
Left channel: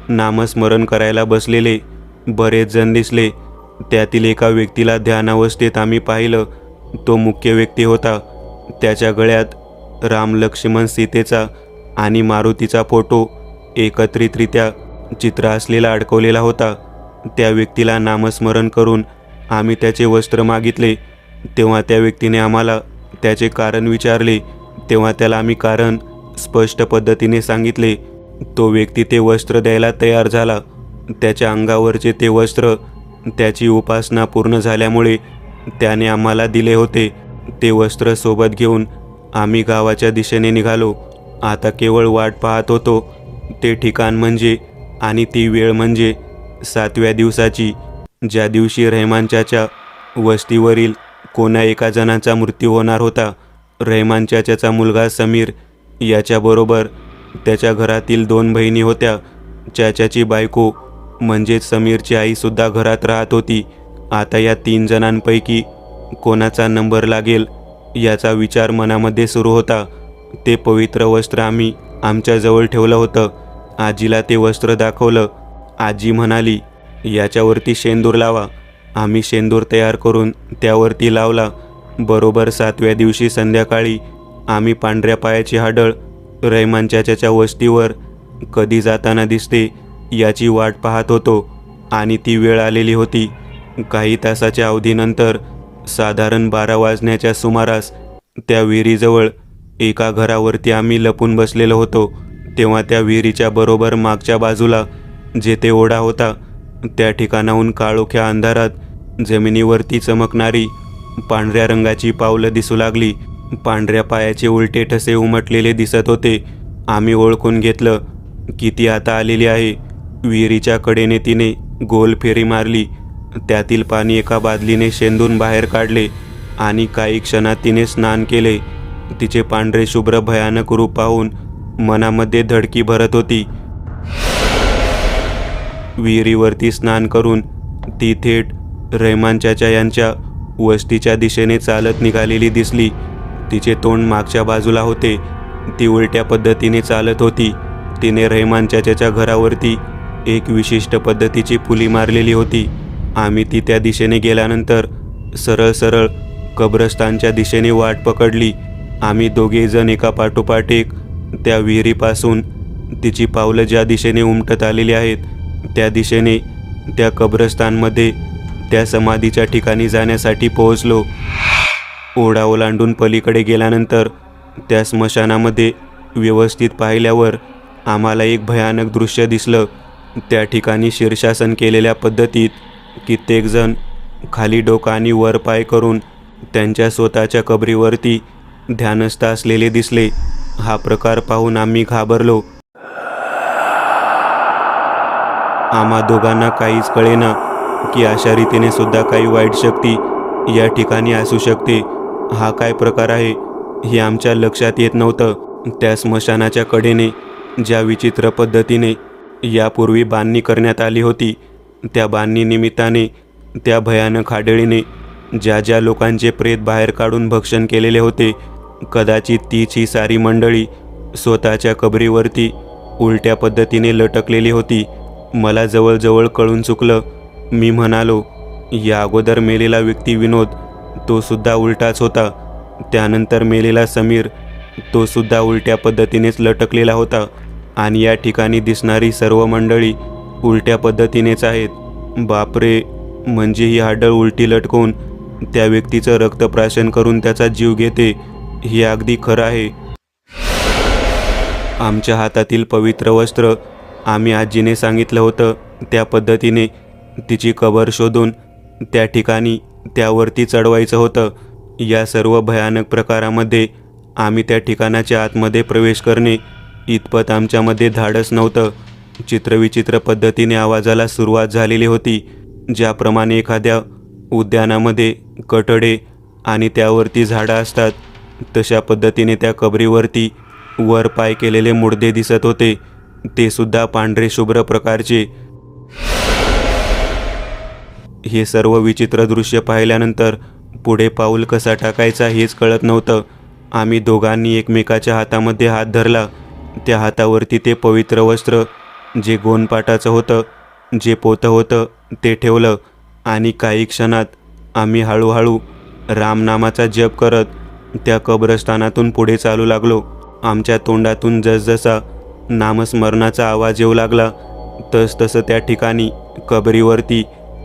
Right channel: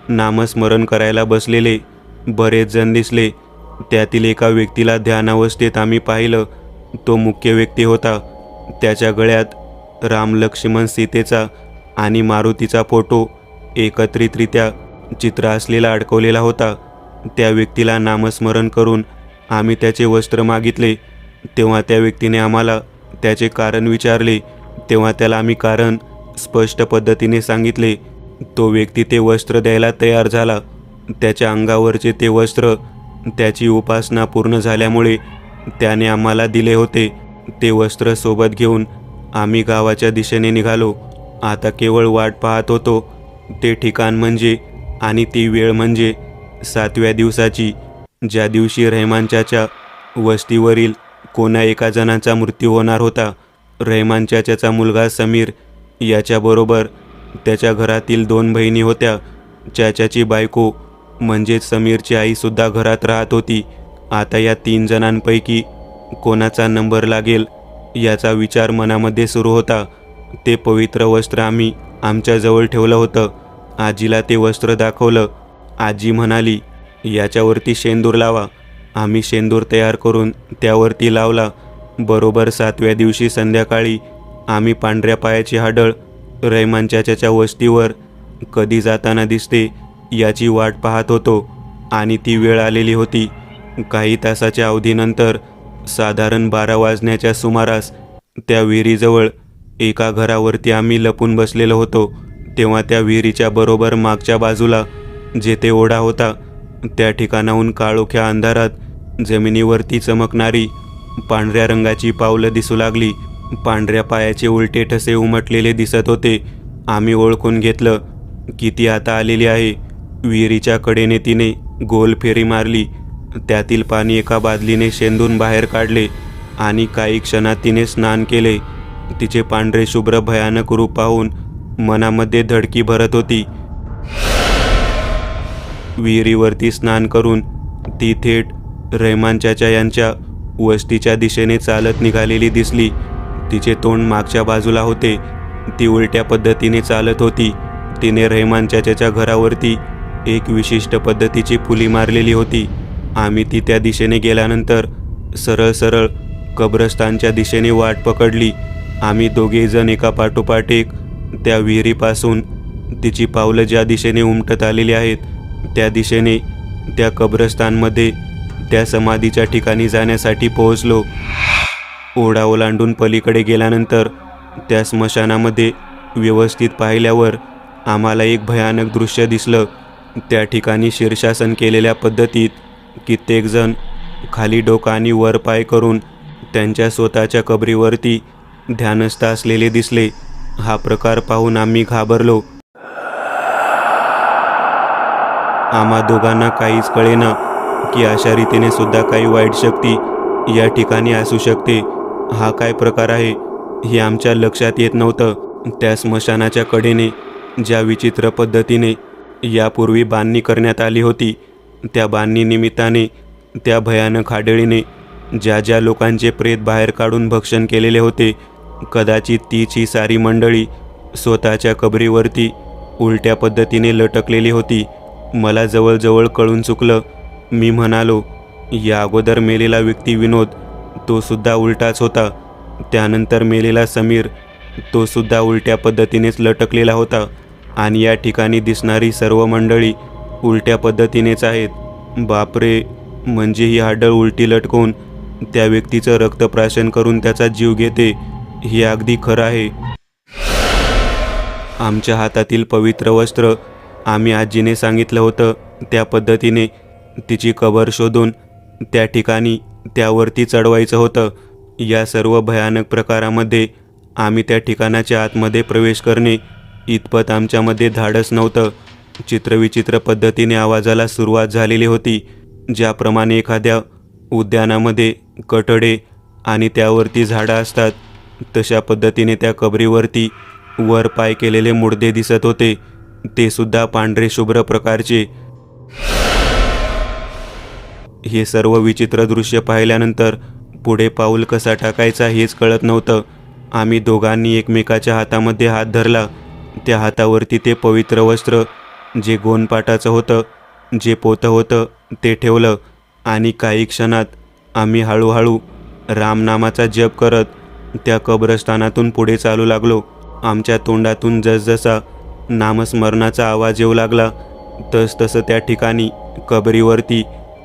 नामस्मरण करायला बसलेले बरेच जण दिसले. त्यातील एका व्यक्तीला ध्यानावस्थेत आम्ही पाहिलं. तो मुख्य व्यक्ती होता. त्याच्या गळ्यात राम, लक्ष्मण, सीतेचा आणि मारुतीचा फोटो एकत्रितरित्या चित्र असलेला अडकवलेला होता. त्या व्यक्तीला नामस्मरण करून आम्ही त्याचे वस्त्र मागितले. तेव्हा त्या व्यक्तीने आम्हाला त्याचे कारण विचारले. तेव्हा त्याला आम्ही कारण स्पष्ट पद्धतीने सांगितले. तो व्यक्ती ते वस्त्र द्यायला तयार झाला. त्याच्या अंगावरचे ते वस्त्र त्याची उपासना पूर्ण झाल्यामुळे त्याने आम्हाला दिले होते. ते वस्त्र सोबत घेऊन आम्ही गावाच्या दिशेने निघालो. आता केवळ वाट पाहत होतो. ते ठिकाण म्हणजे आणि ती वेळ म्हणजे 7व्या दिवसाची, ज्या दिवशी रहमान चाचा वस्तीवरील कोणा एका जणाचा मृत्यू होणार होता. रहमान चाचाचा मुलगा समीर याच्याबरोबर त्याच्या घरातील 2 बहिणी होत्या. चाचाची बायको म्हणजेच समीरची आईसुद्धा घरात राहत होती. आता या 3 जणांपैकी कोणाचा नंबर लागेल याचा विचार मनामध्ये सुरू होता. ते पवित्र वस्त्र आम्ही आमच्याजवळ ठेवलं होतं. आजीला ते वस्त्र दाखवलं. आजी म्हणाली, याच्यावरती शेंदूर लावा. आम्ही शेंदूर तयार करून त्यावरती लावला. बरोबर 7व्या दिवशी संध्याकाळी आम्ही पांढऱ्या पायाची हाडळ रहमान चाचाच्या वस्तीवर कधी जाताना दिसते याची वाट पाहत होतो आणि ती वेळ आलेली होती. काही तासाच्या अवधीनंतर साधारण 12 वाजण्याच्या सुमारास त्या विहिरीजवळ एका घरावरती आम्ही लपून बसलेलो होतो. तेव्हा त्या विहिरीच्या बरोबर मागच्या बाजूला जेथे ओढा होता त्या ठिकाणाहून काळोख्या अंधारात जमिनीवरती चमकणारी पांढऱ्या रंगाची पावलं दिसू लागली. पांढऱ्या पायाचे उलटे ठसे उमटलेले दिसत होते. आम्ही ओळखून घेतलं की ती आता आलेली आहे. विहिरीच्या कडेने तिने गोल फेरी मारली. त्यातील पाणी एका बादलीने शेंदून बाहेर काढले आणि काही क्षणात तिने स्नान केले. तिचे पांढरे शुभ्र भयानक रूप पाहून मनामध्ये धडकी भरत होती. विहिरीवरती स्नान करून ती थेट रहमान चाचा यांच्या वस्तीच्या दिशेने चालत निघालेली दिसली. तिचे तोंड मागच्या बाजूला होते. ती उलट्या पद्धतीने चालत होती. तिने रहमान चाचाच्या घरावरती एक विशिष्ट पद्धतीची फुली मारलेली होती. आम्ही ती त्या दिशेने गेल्यानंतर सरळ सरळ कब्रस्तानच्या दिशेने वाट पकडली. आम्ही दोघेजण एका पाठोपाठ एक त्या विहिरीपासून तिची पावलं ज्या दिशेने उमटत आलेली आहेत त्या दिशेने त्या कब्रस्तानमध्ये त्या समाधीच्या ठिकाणी जाण्यासाठी पोहोचलो. ओढा ओलांडून पलीकडे गेल्यानंतर त्या स्मशानामध्ये व्यवस्थित पाहिल्यावर आम्हाला एक भयानक दृश्य दिसलं. त्या ठिकाणी शीर्षासन केलेल्या पद्धतीत कित्येकजण खाली डोकं आणि वर पाय करून त्यांच्या स्वतःच्या कबरीवरती ध्यानस्थ असलेले दिसले. हा प्रकार पाहून आम्ही घाबरलो. आम्हा दोघांना काहीच कळेना की अशा रीतीने सुद्धा काही वाईट शक्ती या ठिकाणी असू शकते. हा काय प्रकार आहे हे आमच्या लक्षात येत नव्हतं. त्या स्मशानाच्या कडेने ज्या विचित्र पद्धतीने यापूर्वी बांधणी करण्यात आली होती त्या बांधणी निमित्ताने त्या भयानक हाडळीने ज्या ज्या लोकांचे प्रेत बाहेर काढून भक्षण केलेले होते कदाचित तीच ही सारी मंडळी स्वतःच्या कबरीवरती उलट्या पद्धतीने लटकलेली होती. मला जवळजवळ कळून चुकलं. मी म्हणालो, या अगोदर मेलेला व्यक्ती विनोद तो सुद्धा उलटाच होता. त्यानंतर मेलेला समीर तो सुद्धा उलट्या पद्धतीनेच लटकलेला होता आणि या ठिकाणी दिसणारी सर्व मंडळी उलट्या पद्धतीनेच आहेत. बापरे, म्हणजे ही हाडळ उलटी लटकून त्या व्यक्तीचं रक्तप्राशन करून त्याचा जीव घेते. हे अगदी खरं आहे. आमच्या हातातील पवित्र वस्त्र आम्ही आजीने सांगितलं होतं त्या पद्धतीने तिची कबर शोधून त्या ठिकाणी त्यावरती चढवायचं होतं. या सर्व भयानक प्रकारामध्ये आम्ही त्या ठिकाणाच्या आतमध्ये प्रवेश करणे इतपत आमच्यामध्ये धाडस नव्हतं. चित्रविचित्र पद्धतीने आवाजाला सुरुवात झालेली होती. ज्याप्रमाणे एखाद्या उद्यानामध्ये कठडे आणि त्यावरती झाडं असतात तशा पद्धतीने त्या कबरीवरती वर पाय केलेले मुडदे दिसत होते. ते सुद्धा पांढरे शुभ्र प्रकारचे. हे सर्व विचित्र दृश्य पाहिल्यानंतर पुढे पाऊल कसा टाकायचा हेच कळत नव्हतं. आम्ही दोघांनी एकमेकाच्या हातामध्ये हात धरला. त्या हातावरती ते पवित्र वस्त्र जे गोनपाटाचं होतं, जे पोतं होतं ते ठेवलं आणि काही क्षणात आम्ही हळूहळू रामनामाचा जप करत त्या कब्रस्थानातून पुढे चालू लागलो. आमच्या तोंडातून जसजसा नामस्मरणाचा आवाज येऊ लागला तसतसं त्या ठिकाणी कबरीवरती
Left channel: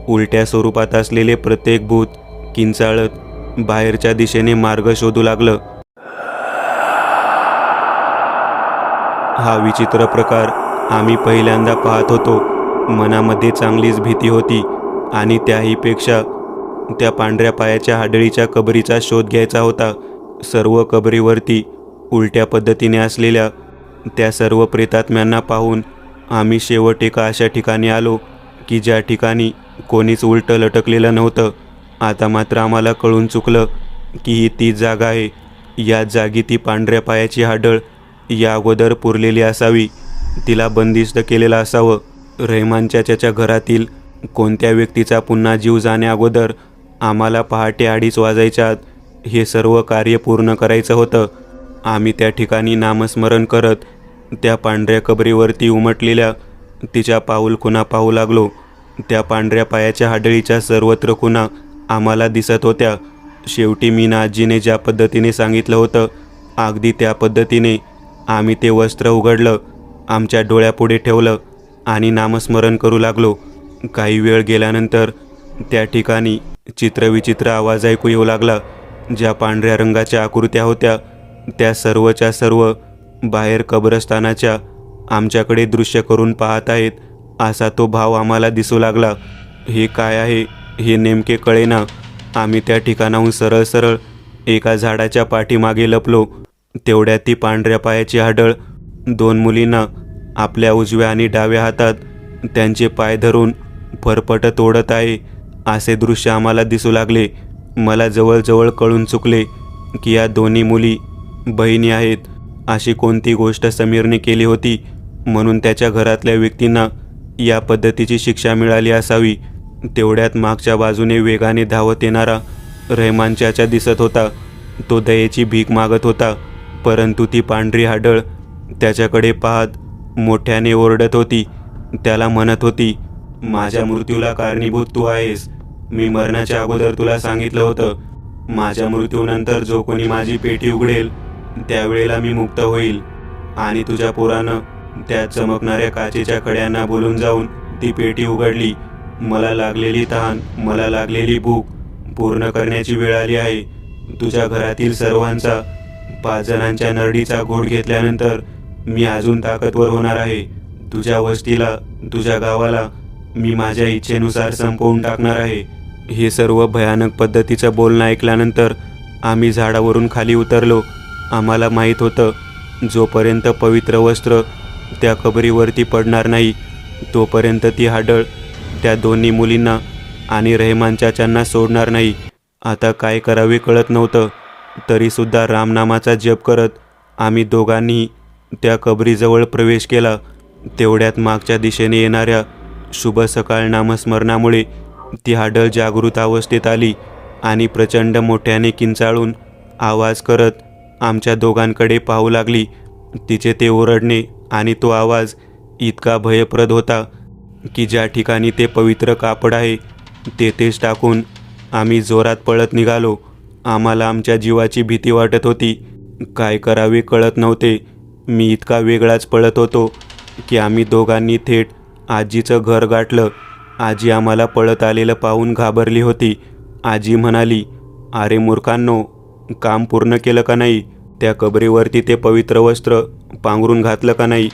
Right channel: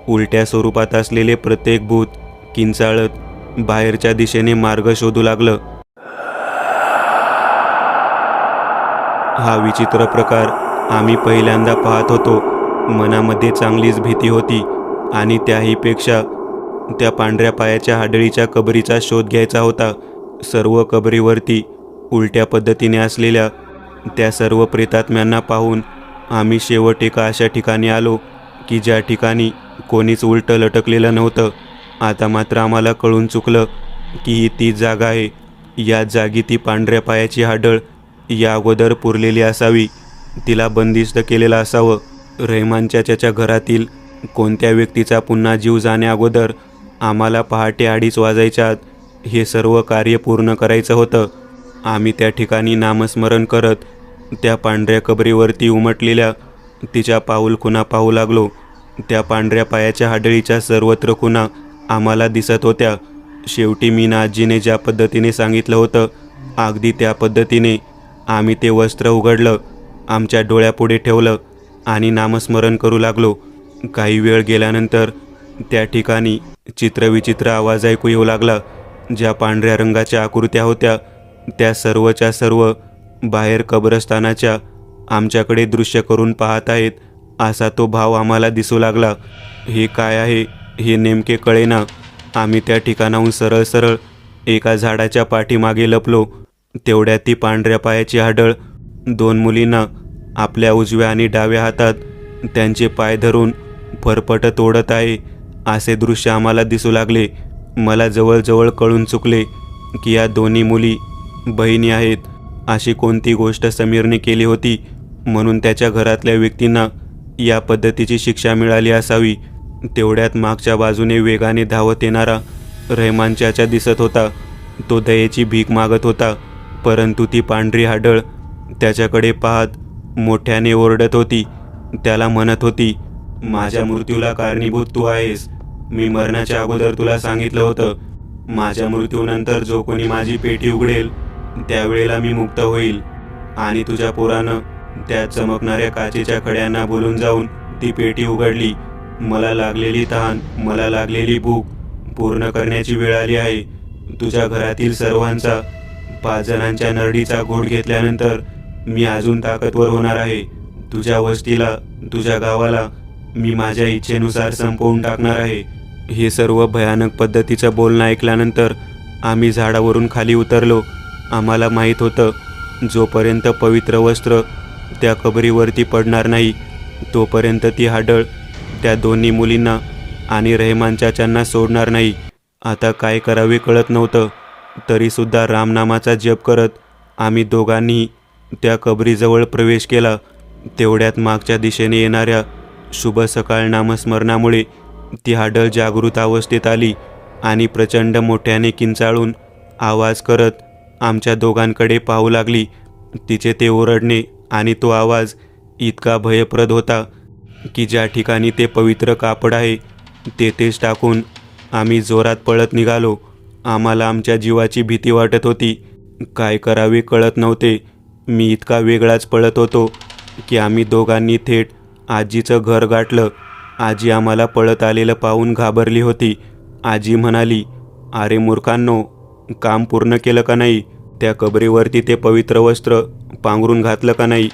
उलट्या स्वरूपात असलेले प्रत्येक भूत किंचाळत बाहेरच्या दिशेने मार्ग शोधू लागलं. हा विचित्र प्रकार आम्ही पहिल्यांदा पाहत होतो. मनामध्ये चांगलीच भीती होती आणि त्याहीपेक्षा त्या पांढऱ्या पायाच्या हाडळीच्या कबरीचा शोध घ्यायचा होता. सर्व कबरीवरती उलट्या पद्धतीने असलेल्या त्या सर्व प्रेतात्म्यांना पाहून आम्ही शेवट एका अशा ठिकाणी आलो की ज्या ठिकाणी कोणीच उलटं लटकलेलं नव्हतं. आता मात्र आम्हाला कळून चुकलं की ही ती जागा आहे. या जागी ती पांढऱ्या पायाची हाडळ या अगोदर पुरलेली असावी. तिला बंदिस्त केलेलं असावं. रहमान चाचाच्या घरातील कोणत्या व्यक्तीचा पुन्हा जीव जाण्या अगोदर आम्हाला पहाटे 2:30 वाजायच्या आत हे सर्व कार्य पूर्ण करायचं होतं. आम्ही त्या ठिकाणी नामस्मरण करत त्या पांढऱ्या कबरीवरती उमटलेल्या तिच्या पाऊल खुणा पाहू लागलो. त्या पांढऱ्या पायाच्या हाडळीच्या सर्वत्र खुणा आम्हाला दिसत होत्या. शेवटी मीना आजीने ज्या पद्धतीने सांगितलं होतं अगदी त्या पद्धतीने आम्ही ते वस्त्र उघडलं, आमच्या डोळ्यापुढे ठेवलं आणि नामस्मरण करू लागलो. काही वेळ गेल्यानंतर त्या ठिकाणी चित्रविचित्र आवाज ऐकू येऊ लागला. ज्या पांढऱ्या रंगाच्या आकृत्या होत्या त्या सर्वच्या सर्व बाहेर कब्रस्थानाच्या आमच्याकडे दृश्य करून पाहत आहेत असा तो भाव आम्हाला दिसू लागला. हे काय आहे हे नेमके कळेना. आम्ही त्या ठिकाणाहून सरळ सरळ एका झाडाच्या पाठीमागे लपलो. तेवढ्यात ती पांढऱ्या पायाची हाडळ 2 मुलींना आपल्या उजव्या आणि डाव्या हातात त्यांचे पाय धरून फरफटत ओढत आहे असे दृश्य आम्हाला दिसू लागले. मला जवळजवळ कळून चुकले की या दोन्ही मुली बहिणी आहेत. अशी कोणती गोष्ट समीरने केली होती म्हणून त्याच्या घरातल्या व्यक्तींना या पद्धतीची शिक्षा मिळाली असावी. तेवढ्यात मागच्या बाजूने वेगाने धावत येणारा रहमान चाचा दिसत होता. तो दयेची भीक मागत होता, परंतु ती पांढरी हाडळ त्याच्याकडे पाहत मोठ्याने ओरडत होती. त्याला म्हणत होती, माझ्या मृत्यूला कारणीभूत तू आहेस. मी मरण्याच्या अगोदर तुला सांगितलं होतं, माझ्या मृत्यूनंतर जो कोणी माझी पेटी उघडेल त्यावेळेला मी मुक्त होईल. आणि तुझ्या पोरानं त्या चमकणाऱ्या काचेच्या कड्यांना बोलून जाऊन ती पेटी उघडली. मला लागलेली तहान, मला लागलेली भूक पूर्ण करण्याची वेळ आली आहे. तुझ्या घरातील सर्वांचा 5 जणांच्या नरडीचा घोट घेतल्यानंतर मी अजून ताकदवर होणार आहे. तुझ्या वस्तीला, तुझ्या गावाला मी माझ्या इच्छेनुसार संपवून टाकणार आहे. हे सर्व भयानक पद्धतीचं बोलणं ऐकल्यानंतर आम्ही झाडावरून खाली उतरलो. आम्हाला माहीत होतं, जोपर्यंत पवित्र वस्त्र त्या कबरीवरती पडणार नाही तोपर्यंत ती हाडळ त्या दोन्ही मुलींना आणि रहमान चाचांना सोडणार नाही. आता काय करावे कळत नव्हतं. तरीसुद्धा रामनामाचा जप करत आम्ही दोघांनी त्या कबरीजवळ प्रवेश केला. तेवढ्यात मागच्या दिशेने येणाऱ्या शुभ सकाळ नामस्मरणामुळे ती हाडळ जागृत अवस्थेत आली आणि प्रचंड मोठ्याने किंचाळून आवाज करत आमच्या दोघांकडे पाहू लागली. तिचे ते ओरडणे आणि तो आवाज इतका भयप्रद होता की ज्या ठिकाणी ते पवित्र कापड आहे तेथेच टाकून आम्ही जोरात पळत निघालो. आम्हाला आमच्या जीवाची भीती वाटत होती. काय करावे कळत नव्हते. मी इतका वेगळाच पळत होतो की आम्ही दोघांनी थेट आजीचं घर गाठलं. आजी आम्हाला पळत आलेलं पाहून घाबरली होती. आजी म्हणाली, अरे मूर्खांनो, काम पूर्ण केलं का नाही? त्या कबरीवरती ते पवित्र वस्त्र पांघरून घातलं का नाही?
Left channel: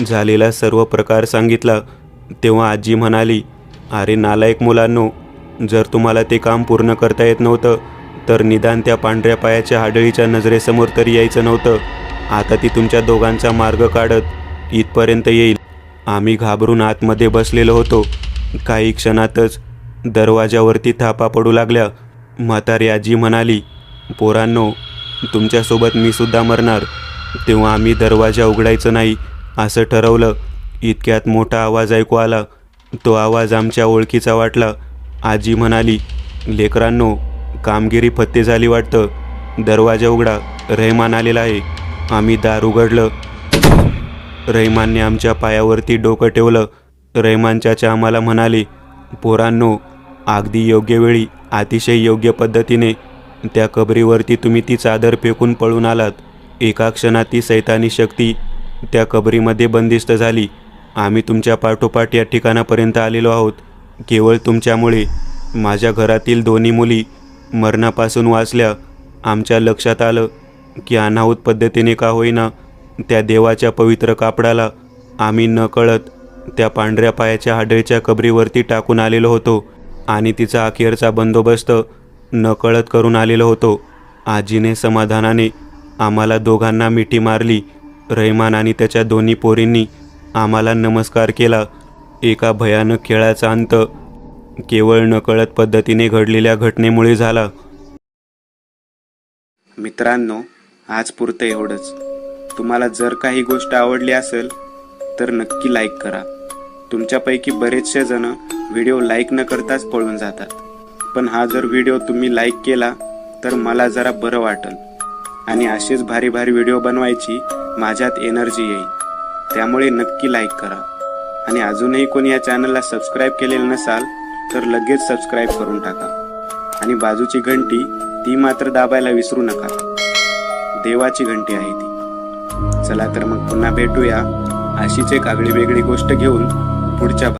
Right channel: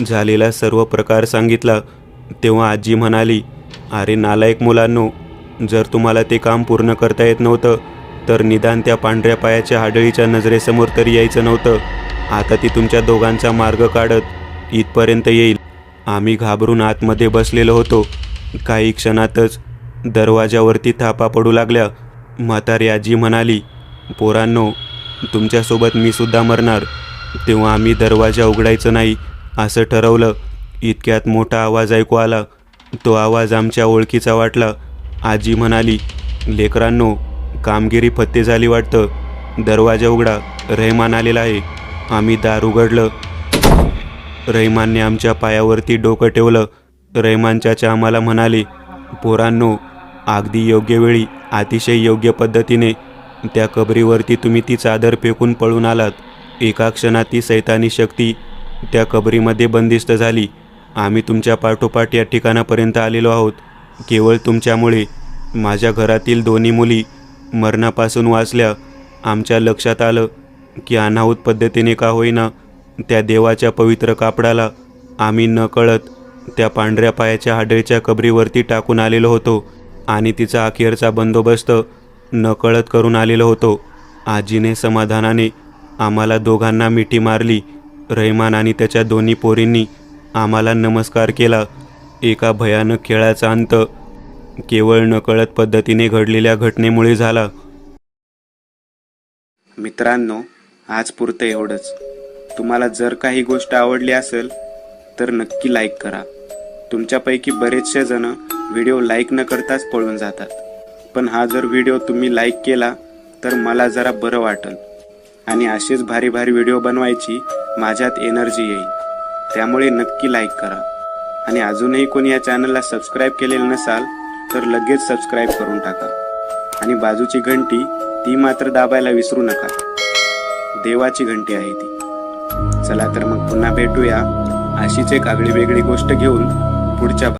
झालेला सर्व प्रकार सांगितला. तेव्हा आजी म्हणाली, अरे नालायक मुलांनो, जर तुम्हाला ते काम पूर्ण करता येत नव्हतं तर निदान त्या पांढऱ्या पायाच्या हाडळीच्या नजरेसमोर तरी यायचं नव्हतं. आता ती तुमच्या दोघांचा मार्ग काढत इथपर्यंत येईल. आम्ही घाबरून आतमध्ये बसलेलो होतो. काही क्षणातच दरवाजावरती थापा पडू लागल्या. म्हातारी आजी म्हणाली, पोरांनो, तुमच्यासोबत मी सुद्धा मरणार. तेव्हा आम्ही दरवाजा उघडायचं नाही असं ठरवलं. इतक्यात मोठा आवाज ऐकू आला. तो आवाज आमच्या ओळखीचा वाटला. आजी म्हणाली, लेकरांनो, कामगिरी फत्ते झाली वाटतं. दरवाजा उघडा, रहमान आलेला आहे. आम्ही दार उघडलं. रहमानने आमच्या पायावरती डोकं ठेवलं. रहमान चाचा आम्हाला म्हणाले, पोरांनो, अगदी योग्य वेळी, अतिशय योग्य पद्धतीने त्या कबरीवरती तुम्ही ती चादर फेकून पळून आलात. एका क्षणात ती सैतानी शक्ती त्या कबरीमध्ये बंदिस्त झाली. आम्ही तुमच्या पाठोपाठ या ठिकाणापर्यंत आलेलो आहोत केवळ तुमच्यामुळे. माझ्या घरातील दोन्ही मुली मरणापासून वाचल्या. आमच्या लक्षात आलं की अनाहूत पद्धतीने का होईना त्या देवाच्या पवित्र कापडाला आम्ही नकळत त्या पांढऱ्या पायाच्या हाडळीच्या कबरीवरती टाकून आलेलो होतो आणि तिचा अखेरचा बंदोबस्त नकळत करून आलेलो होतो. आजीने समाधानाने आम्हाला दोघांना मिठी मारली. रहमान आणि त्याच्या दोन्ही पोरींनी आम्हाला नमस्कार केला. एका भयानक खेळाचा अंत केवळ नकळत पद्धतीने घडलेल्या घटनेमुळे झाला. मित्रांनो, आज पुरतं एवढंच. तुम्हाला जर काही गोष्ट आवडली असेल तर नक्की लाईक करा. तुमच्यापैकी बरेचसे जण व्हिडिओ लाईक न करताच पळून जातात, पण हा जर व्हिडिओ तुम्ही लाईक केला तर मला जरा बरं वाटेल आणि असेच भारी भारी व्हिडिओ बनवायची माझ्यात एनर्जी येईल. त्यामुळे नक्की लाईक करा. आणि अजूनही कोणी या चॅनलला सबस्क्राईब केलेलं नसाल तर लगेच सबस्क्राईब करून टाका. आणि बाजूची घंटी ती मात्र दाबायला विसरू नका. देवाची घंटी आहे ती. चला तर मग पुन्हा भेटूया अशीच एक आगळी वेगळी गोष्ट घेऊन पुढच्या